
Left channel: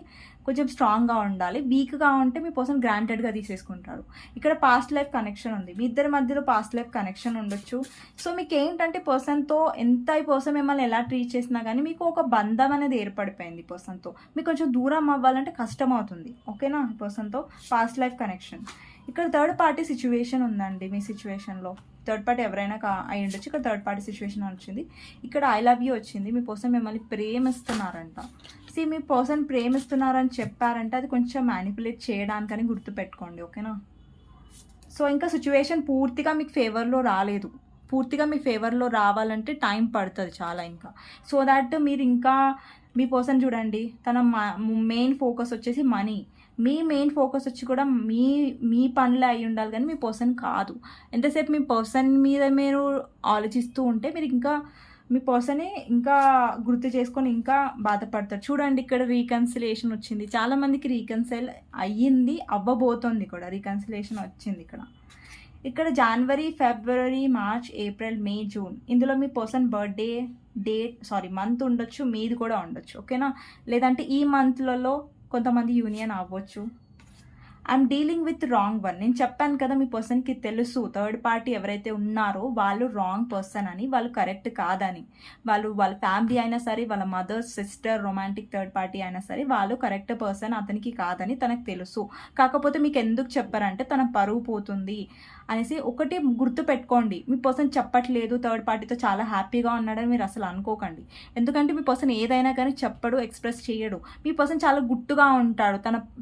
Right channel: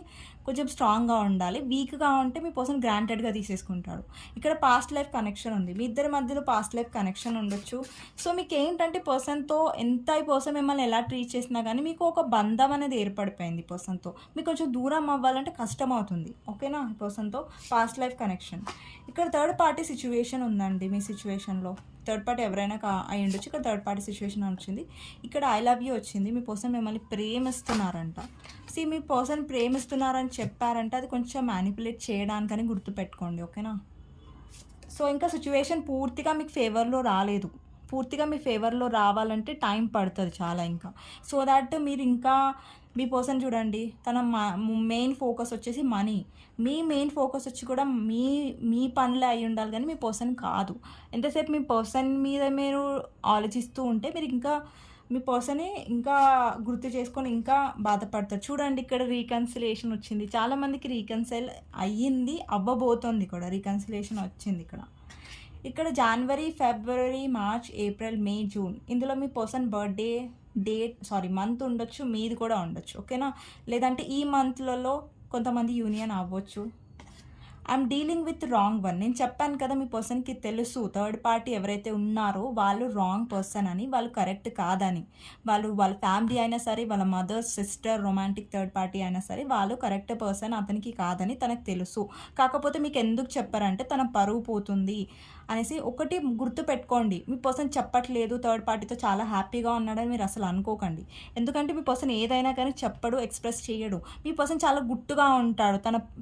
కొంచెం స్ట్రాంగ్గా ఉండాలి. వీక్గా ఉంటే మీ పర్సన్ గ్రాంటెడ్గా తీసేసుకుంటాడు. ఇక్కడ పాస్ట్ లైఫ్ కనెక్షన్ ఉంది. మీ ఇద్దరి మధ్యలో పాస్ట్ లైఫ్ కనెక్షన్ ఉండొచ్చు. సో, మీకు ఏంటంటే పర్సన్తో ఈ పర్సన్ మిమ్మల్ని ఎలా ట్రీట్ చేసినా కానీ మీకు ఒక బంధం అనేది ఏర్పడిపోయింది పర్సన్తో. మీకు కొంచెం దూరం అవ్వాలంటే కష్టం అవుతుంది. ఓకేనా? పర్సన్తో పాస్ట్ లైఫ్ కనెక్షన్. ఇక్కడ థర్డ్ పార్టీ సిచ్యువేషన్ ఉందండి మీ సిచ్యువేషన్లో. థర్డ్ పార్టీ ఎవరైనా అయి ఉండొచ్చు. ఇక్కడ థర్డ్ పార్టీ సిచ్యువేషన్ వచ్చింది. ఇక్కడ ఐ లవ్ యూ వచ్చింది. మీ పర్సన్ మిమ్మల్ని ప్రేమిస్తున్నారంట. మీ పర్సన్ ప్రేమిస్తున్నారని చెప్పారంటే అది కొంచెం మ్యానిపులేట్ చేయడానికని గుర్తుపెట్టుకోండి. ఓకేనా? సో, ఇంకా సిచ్యువేషన్ పూర్తిగా మీకు ఫేవర్లో రాలేదు. పూర్తిగా మీ ఫేవర్లో రావాలంటే టైం పడుతుంది చాలా ఇంకా. సో దాట్ మీరు ఇంకా మీ పర్సన్ చూడండి, తన మెయిన్ ఫోకస్ వచ్చేసి మనీ. మీ మెయిన్ ఫోకస్ వచ్చి కూడా మీ పనులే అయి ఉండాలి కానీ మీ పర్సన్ కాదు. ఎంతసేపు మీ పర్సన్ మీద మీరు ఆలోచిస్తూ ఉంటే మీరు ఇంకా మీ పర్సనే ఇంకా గుర్తు చేసుకొని ఇంకా బాధపడతారు. చూడండి ఇక్కడ రీకన్సిలేషన్ వచ్చింది. చాలామందికి రీకన్సైల్ అయ్యింది, అవ్వబోతోంది కూడా. రీకన్సిలేషన్ వచ్చింది ఇక్కడ జనవరి, ఫిబ్రవరి, మార్చ్, ఏప్రిల్, మే, జూన్. ఇందులో మీ పర్సన్ బర్త్డే మంత్ ఉండొచ్చు, మీది కూడా ఉండొచ్చు. ఓకేనా? లేదంటే ఈ మంత్లలో కొంతమంది యూనియన్ అవ్వచ్చు. I'm dealing with wrong one. నేను చెప్పాను కదా మీ పర్సన్కి తెలుసు థర్డ్ పార్టీ ఎవరైతే ఉన్నారో వాళ్ళు రాంగ్ పర్సన్ అని, వాళ్ళు కరెక్ట్ కాదని. వాళ్ళ ఫ్యామిలీ అయినా సరే, వాళ్ళ mother, sister, romantic third party అయినా సరే వాళ్ళు కరెక్ట్ పర్సన్ అతనికి కాదని తనకు తెలుసు. కాకపోతే మీకు ఎందుకు చెప్పారంటే తన పరువు పోతుంది అనేసి. ఒకటి గుర్తు పెట్టుకోండి, మీ పర్సన్ చెప్పట్లేదు థర్డ్ పార్టీతో చాలా హ్యాపీగా ఉన్నాడని మీరు అసలు అనుకోకండి. ఎందుకంటే మీ పర్సన్ ఏదైనా కానీ చెప్పడు, ఎక్స్ప్రెస్ చేయడు. మీ పర్సన్ చాలా గుట్టుగా ఉంటాడు,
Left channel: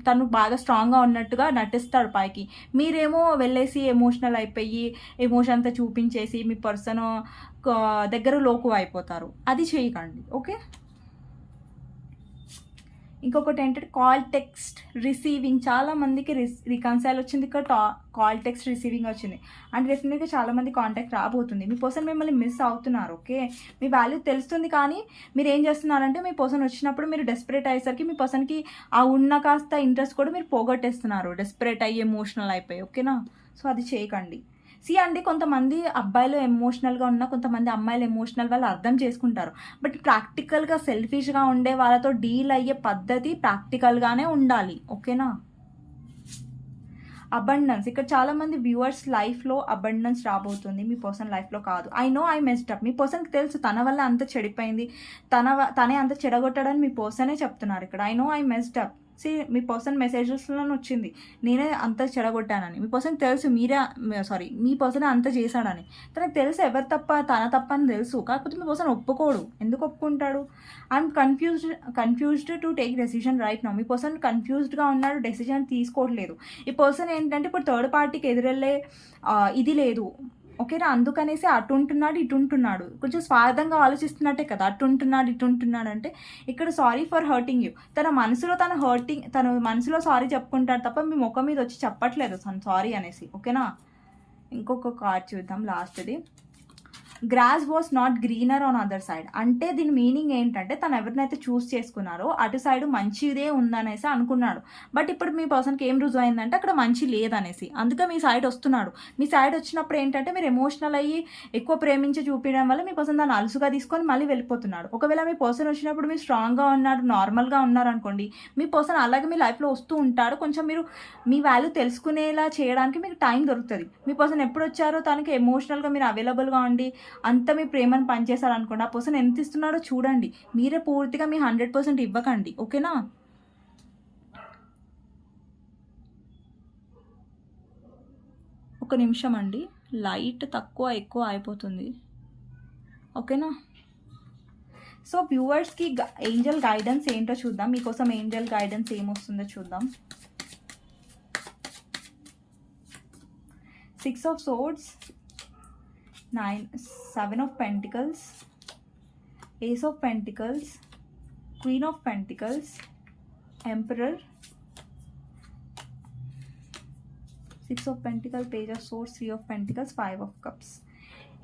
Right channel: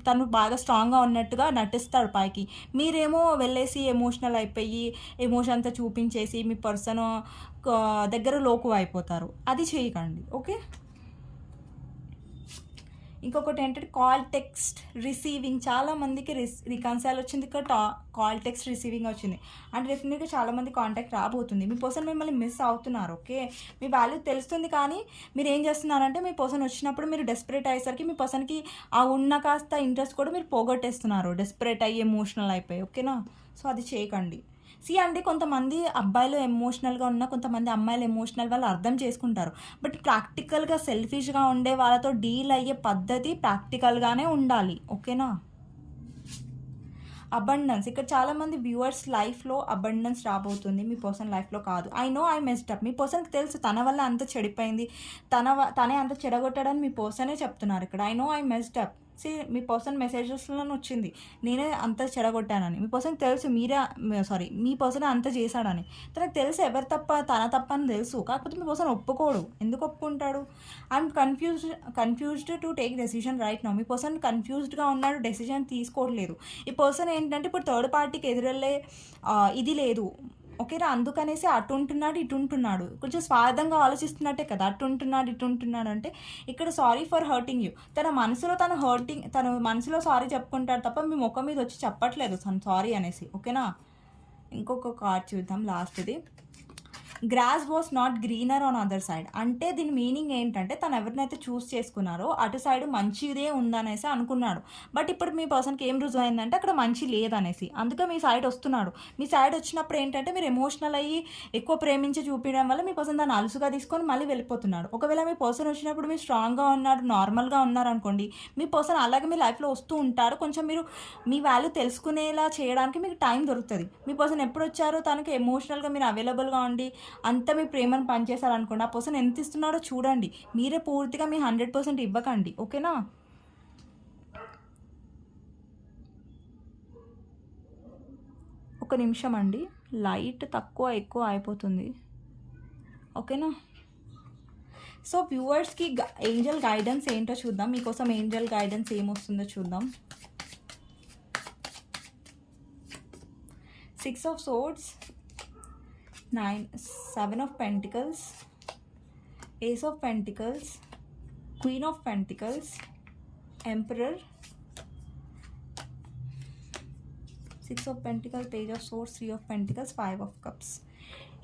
తను బాగా స్ట్రాంగ్గా ఉన్నట్టుగా నటిస్తాడు పైకి. మీరేమో వెళ్ళేసి ఎమోషనల్ అయిపోయి ఎమోషన్ అంతా చూపించేసి మీ పర్సన్ దగ్గర లోకు అయిపోతారు. అది చేయకండి, ఓకే. ఇంకొకటి ఏంటంటే కాల్ టెక్స్ట్ రిసీవింగ్. చాలా మందికి రికన్సైల్ వచ్చింది, ఇక్కడ కాల్ టెక్స్ట్ రిసీవింగ్ వచ్చింది. అండ్ డెఫినెట్గా చాలామంది కాంటాక్ట్ రాబోతుంది. మీ పర్సన్ మిమ్మల్ని మిస్ అవుతున్నారు, ఓకే. మీ వాల్యూ తెలుస్తుంది, కానీ మీరు ఏం చేస్తున్నారంటే మీ పర్సన్ వచ్చినప్పుడు మీరు డెస్పరేట్ అయ్యేసరికి మీ పర్సన్కి ఆ ఉన్న కాస్త ఇంట్రెస్ట్ కూడా మీరు పోగొట్టేస్తున్నారు, డెస్పరేట్ అయ్యి ఎమోషనల్ అయిపోయి, ఓకేనా. సో అది చేయకండి. అండి, కొంతమంది అబ్బాయిలు ఎమోషనల్గా ఉన్న, కొంతమంది అమ్మాయిలు ఎమోషనల్ వాళ్ళు అర్థం చేసుకుంటారు. బట్ ప్రాక్టికల్గా సెల్ఫిష్గా ఉండే వాళ్ళతో డీల్ అయ్యే పద్ధతి ప్రాక్టికల్గానే ఉండాలి, ఓకేనా. అబండెన్స్. ఇక్కడ చాలామంది వ్యూవర్స్ లైఫ్లో అబండెన్స్ రాబోతుంది, మీ పర్సన్ లైఫ్లో కాదు. I know I messed up. మీ పర్సన్కి తెలుసు తన వల్ల అంత చెడిపోయింది, తనే అంత చెడగొట్టాడని మీ పర్సనే చెప్తున్నారు ఇక్కడ. I know I messed up. మీ పర్సన్ మెసేజెస్లో వచ్చింది నేనే అంత చెడగొట్టానని. మీ పర్సన్కి తెలుసు మీ పర్సన్ అంత చేశాడని. తనకు తెలుసు ఎవరు తప్ప, తన తప్ప అని తెలుసు. కాకపోతే మీ పర్సన్ ఒప్పుకోడు. ఎందుకు ఒప్పుకుంటాడు? I'm confused to take decision right now. మీ పర్సన్ కన్ఫ్యూజ్డ్గా ఉన్నాడు, డెసిషన్ తీసుకోవట్లేదు. ఈ పర్సన్ ఏంటంటే ఇప్పుడు థర్డ్ పార్టీకి ఎదురెళ్ళే ఇది లేదు, ఓకేనా. అందుకనేసి అటు ఉంటున్నాడు, ఇటు ఉంటున్నాడు. కొంచెం స్వార్థంగా ఆలోచిస్తున్నట్టే కదా, అటు ఉంటున్నాడు, ఇటు ఉంటున్నాడు అంటే. ఇక్కడ సారీ ఫర్ హర్టింగ్ యూ. తన మనసులో సారీ చెప్పుకుంటాడు తప్ప మీ ముఖం మీద వచ్చి చెప్పట్లేదు సారీ అనేసి, ఓకేనా. ఇంకొక కార్డ్ చూద్దాం, లాస్ట్ది. Grass was not greener on other side. అంటే దీని మీనింగ్ ఏంటంటే తను ఎవరినైతే చూస్ చేసుకున్నారో అటు సైడ్ మంచిదే ఉందనేసి అనుకున్నాడు. బట్ ఇప్పుడు మీ పర్సన్కి ఏం రుజువు అయిందంటే అక్కడ మంచి లేదనేసి. అందుకే మీ సైడ్ వస్తున్నాడు. మీ సైడ్ వచ్చినప్పుడు ఏంటంటే మీరు ఎమోషనల్ అయ్యి ఎక్కువ ప్రేమించి చూపించడం వల్ల మీ పర్సన్ దాన్ని అలుసుగా తీసుకొని మళ్ళీ వెళ్ళిపోతున్నాడు. ఒకవేళ మీ పర్సన్ వచ్చినప్పుడు మీరు స్ట్రాంగ్గా ఉన్నారు, నార్మల్గా ఉన్నారు అనుకోండి, మీ పర్సన్ అలాగే మీ లైఫ్లో వస్తూ ఉంటారు. కొంచెం మీరు మీ వాల్యూ తెలుసుకునేలా చేయడానికి మీకు టైం దొరుకుతుంది. మీ పర్సన్ ఎప్పుడు వచ్చారో తనకి ఎమోషనల్గా మీరు అవైలబుల్గా ఉండి అంత మీ ప్రేమను పనిచేశారనుకోండి, ఆ పర్సన్ ఎంత ఇస్తున్నాడో చూడండి. మీరే పూర్తిగా మీ 100% ఇవ్వకండి, ఓకేనా. ఒక నిమిషం అండి, లైట్ తక్కువ ఎక్కువ అయిపోతుంది, ఓకేనా. సో వ్యూవర్స్కి ఏంజల్ గైడెన్స్ ఏంటో చూద్దాం. మీకోసం ఏంజల్ గైడెన్స్ ఏమొస్తుందో చూద్దాం. 6 of Swords, 7 of Pentacles, Ace of Pentacles, Queen of Pentacles, Emperor, 6 of Pentacles, Page of Swords, 3 of Pentacles, 5 of Cups.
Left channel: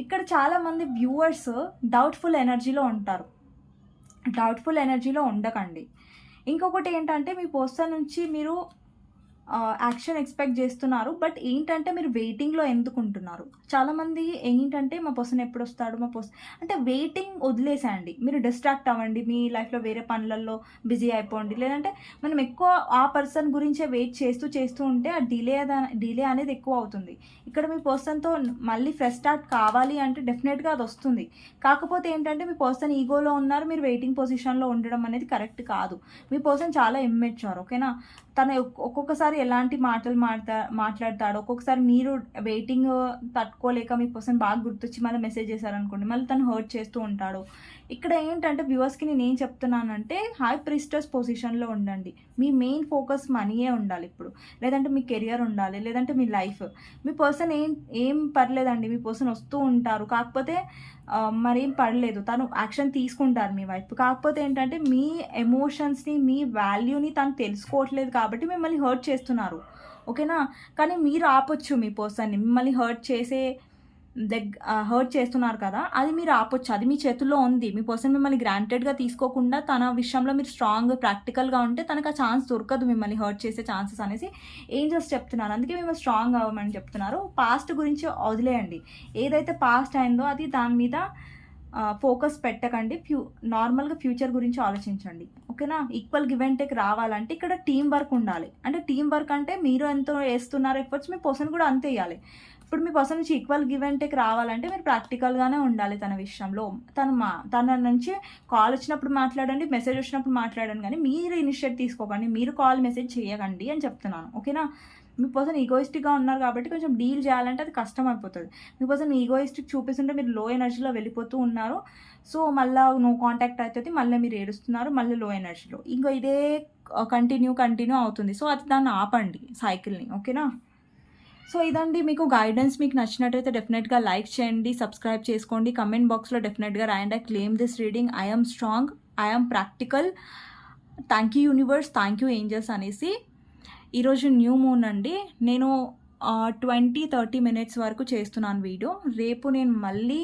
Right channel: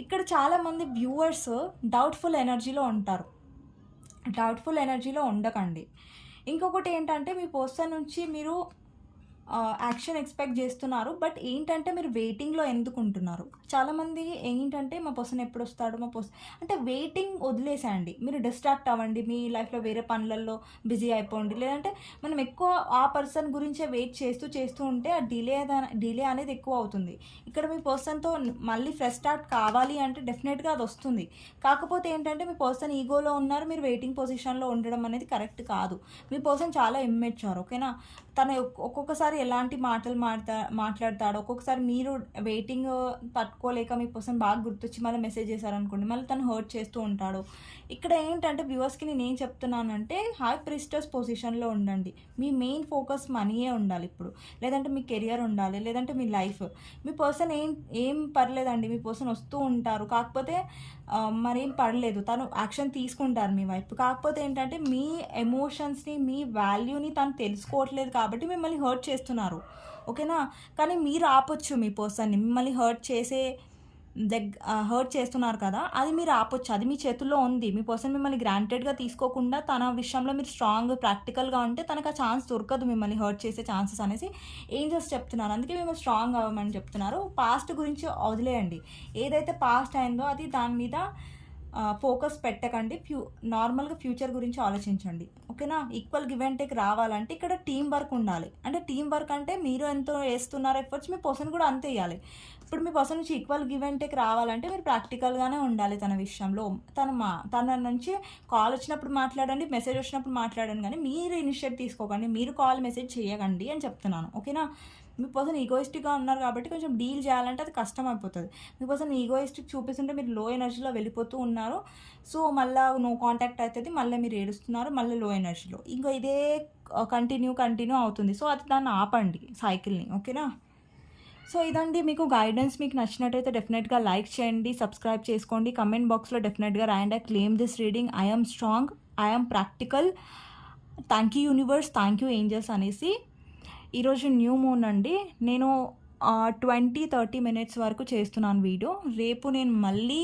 ఇక్కడ చాలామంది వ్యూవర్స్ డౌట్ఫుల్ ఎనర్జీలో ఉంటారు. డౌట్ఫుల్ ఎనర్జీలో ఉండకండి. ఇంకొకటి ఏంటంటే మీ పర్సన్ నుంచి మీరు యాక్షన్ ఎక్స్పెక్ట్ చేస్తున్నారు. బట్ ఏంటంటే మీరు వెయిటింగ్లో ఎందుకు ఉంటున్నారు? చాలామంది ఏంటంటే మా పర్సన్ ఎప్పుడు వస్తాడు, మా పర్సన్ అంటే వెయిటింగ్ వదిలేసేయండి. మీరు డిస్ట్రాక్ట్ అవ్వండి, మీ లైఫ్లో వేరే పనులలో బిజీ అయిపోండి. లేదంటే మనం ఎక్కువ ఆ పర్సన్ గురించే వెయిట్ చేస్తూ ఉంటే ఆ డిలే అనేది ఎక్కువ అవుతుంది. ఇక్కడ మీ పర్సన్తో మళ్ళీ ఫ్రెష్ స్టార్ట్ కావాలి అంటే డెఫినెట్గా అది వస్తుంది. కాకపోతే ఏంటంటే మీ పర్సన్ ఈగోలో ఉన్నారు, మీరు వెయిటింగ్ పొజిషన్లో ఉండడం అనేది కరెక్ట్ కాదు. మీ పర్సన్ చాలా ఇమ్మెచ్యూర్, ఓకేనా. తను ఒక్కొక్కసారి ఎలాంటి మాటలు మాట్లాడతాడు. ఒక్కొక్కసారి మీరు వెయిటింగ్ తట్టుకోలేక మీ పర్సన్ బాగా గుర్తొచ్చి మళ్ళీ మెసేజ్ చేశారనుకోండి, మళ్ళీ తను హర్ట్ చేస్తూ ఉంటాడు. ఇక్కడ ఏంటంటే వ్యూవర్స్కి నేను ఏం చెప్తున్నానంటే హై ప్రిస్టర్స్ పొజిషన్లో ఉండండి. మీ మెయిన్ ఫోకస్ మనీయే ఉండాలి ఇప్పుడు, లేదంటే మీ కెరియర్ ఉండాలి, లేదంటే మీ లైఫ్. మీ పర్సన్ ఏం పర్లేదండి, మీ పర్సన్ వస్తూ ఉంటారు. కాకపోతే మరేం పడలేదు, తను యాక్షన్ తీసుకుంటారు మీ వైపు. కాకపోతే ఏంటంటే మీ ఎమోషన్స్ని, మీ వాల్యూని తను తెలుసుకోవట్లేదు కాబట్టి మిమ్మల్ని హర్ట్ చేస్తున్నారు, ఓకేనా. కానీ మీరు ఆపొచ్చు మీ పర్సన్ని. మిమ్మల్ని హర్ట్ చేస్తున్నారు కదా, అది మీరు ఆపొచ్చు. అది మీ చేతుల్లో ఉంది. మీ పర్సన్ మిమ్మల్ని గ్రాంటెడ్గా తీసుకోకుండా తన విషయంలో మీరు స్ట్రాంగ్ ప్రాక్టికల్గా ఉంటే తనకు ఆ ఛాన్స్ దొరకదు మిమ్మల్ని హర్ట్ చేసే ఛాన్సెస్ అనేసి ఏంజల్స్ చెప్తున్నారు. అందుకే మిమ్మల్ని స్ట్రాంగ్ అవ్వమని చెప్తున్నారు. పాస్ట్ గురించి వదిలేయండి. ఏదైతే పాస్ట్ అయిందో అది దాని మీద ఫోకస్ పెట్టకండి. నార్మల్‌గా ఫ్యూచర్ గురించి ఆలోచించండి. ఓకేనా? ఈక్వల్ గివ్ అండ్ టేక్ రావాలంటే ఇక్కడ టీమ్ వర్క్ ఉండాలి. అంటే టీమ్ వర్క్ అంటే మీరు ఎంతో ఏస్తున్నారు ఎఫర్ట్స్, మీ పర్సన్ కూడా అంతే ఎయ్యాలి. ఇప్పుడు మీ పర్సన్ నుంచి ఈక్వల్ గివ్ అండ్ టేక్ రావాలంటే మీరు ప్రాక్టికల్‌గానే ఉండాలి తన విషయంలో. తన నుంచి కాల్ వచ్చినప్పుడు మాట్లాడండి, మెసేజ్ వచ్చినప్పుడు మాట్లాడండి గానీ మీరు ఇనిషియేట్ తీసుకోకండి. మీరు కాల్, మెసేజ్ చేయకండి అని చెప్తున్నాను. ఓకేనా? మీ పర్సన్ ఈగోయిస్టిక్‌గా ఉన్నారు కాబట్టి కొంచెం డీల్ చేయాలంటే అది కష్టమైపోతది. మీ పర్సన్ ఈగోయిస్టిక్ చూపిస్తుంటే మీరు లో ఎనర్జీలో వెళ్ళిపోతూ ఉన్నారు. సో, మళ్ళా నో కాంటాక్ట్ అయితది. మళ్ళీ మీరు ఏడుస్తున్నారు. మళ్ళీ లో ఎనర్జీలో. ఇంక ఇదే కంటిన్యూ అవుతుంది. సో, అది దాన్ని ఆపండి సైకిల్‌ని. ఓకేనా? సో, ఇదండి మీకు గైడెన్స్. మీకు నచ్చినట్టయితే డెఫినెట్‌గా లైక్ చేయండి, సబ్స్క్రైబ్ చేసుకోండి. కమెంట్ బాక్స్‌లో డెఫినెట్‌గా రాయండి. I claim this reading. I am strong. I am practical. Thank you universe. Thank you angels అనేసి. ఈరోజు న్యూ మూన్ అండి. నేను 20-30 మినిట్స్ వరకు చేస్తున్నాను వీడియో. రేపు నేను మళ్ళీ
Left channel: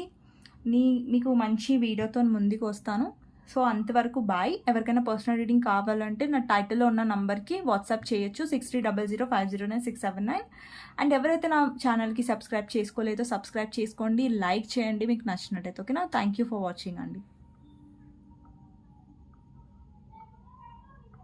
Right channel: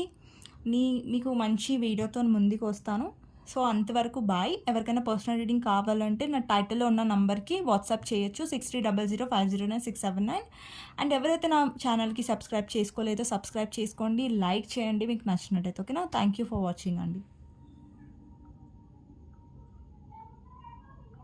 మీకు మంచి వీడియోతో ముందుకు వస్తాను. సో, అంతవరకు బాయ్. ఎవరికైనా పర్సనల్ రీడింగ్ కావాలంటే నా టైటిల్‌లో ఉన్న నంబర్‌కి వాట్సాప్ చేయొచ్చు. 6300500679. అండ్ ఎవరైతే నా ఛానల్‌కి సబ్స్క్రైబ్ చేసుకోలేదో సబ్స్క్రైబ్ చేసుకోండి. లైక్ చేయండి మీకు నచ్చినట్టయితే. ఓకేనా? థ్యాంక్ యూ ఫర్ వాచింగ్ అండి.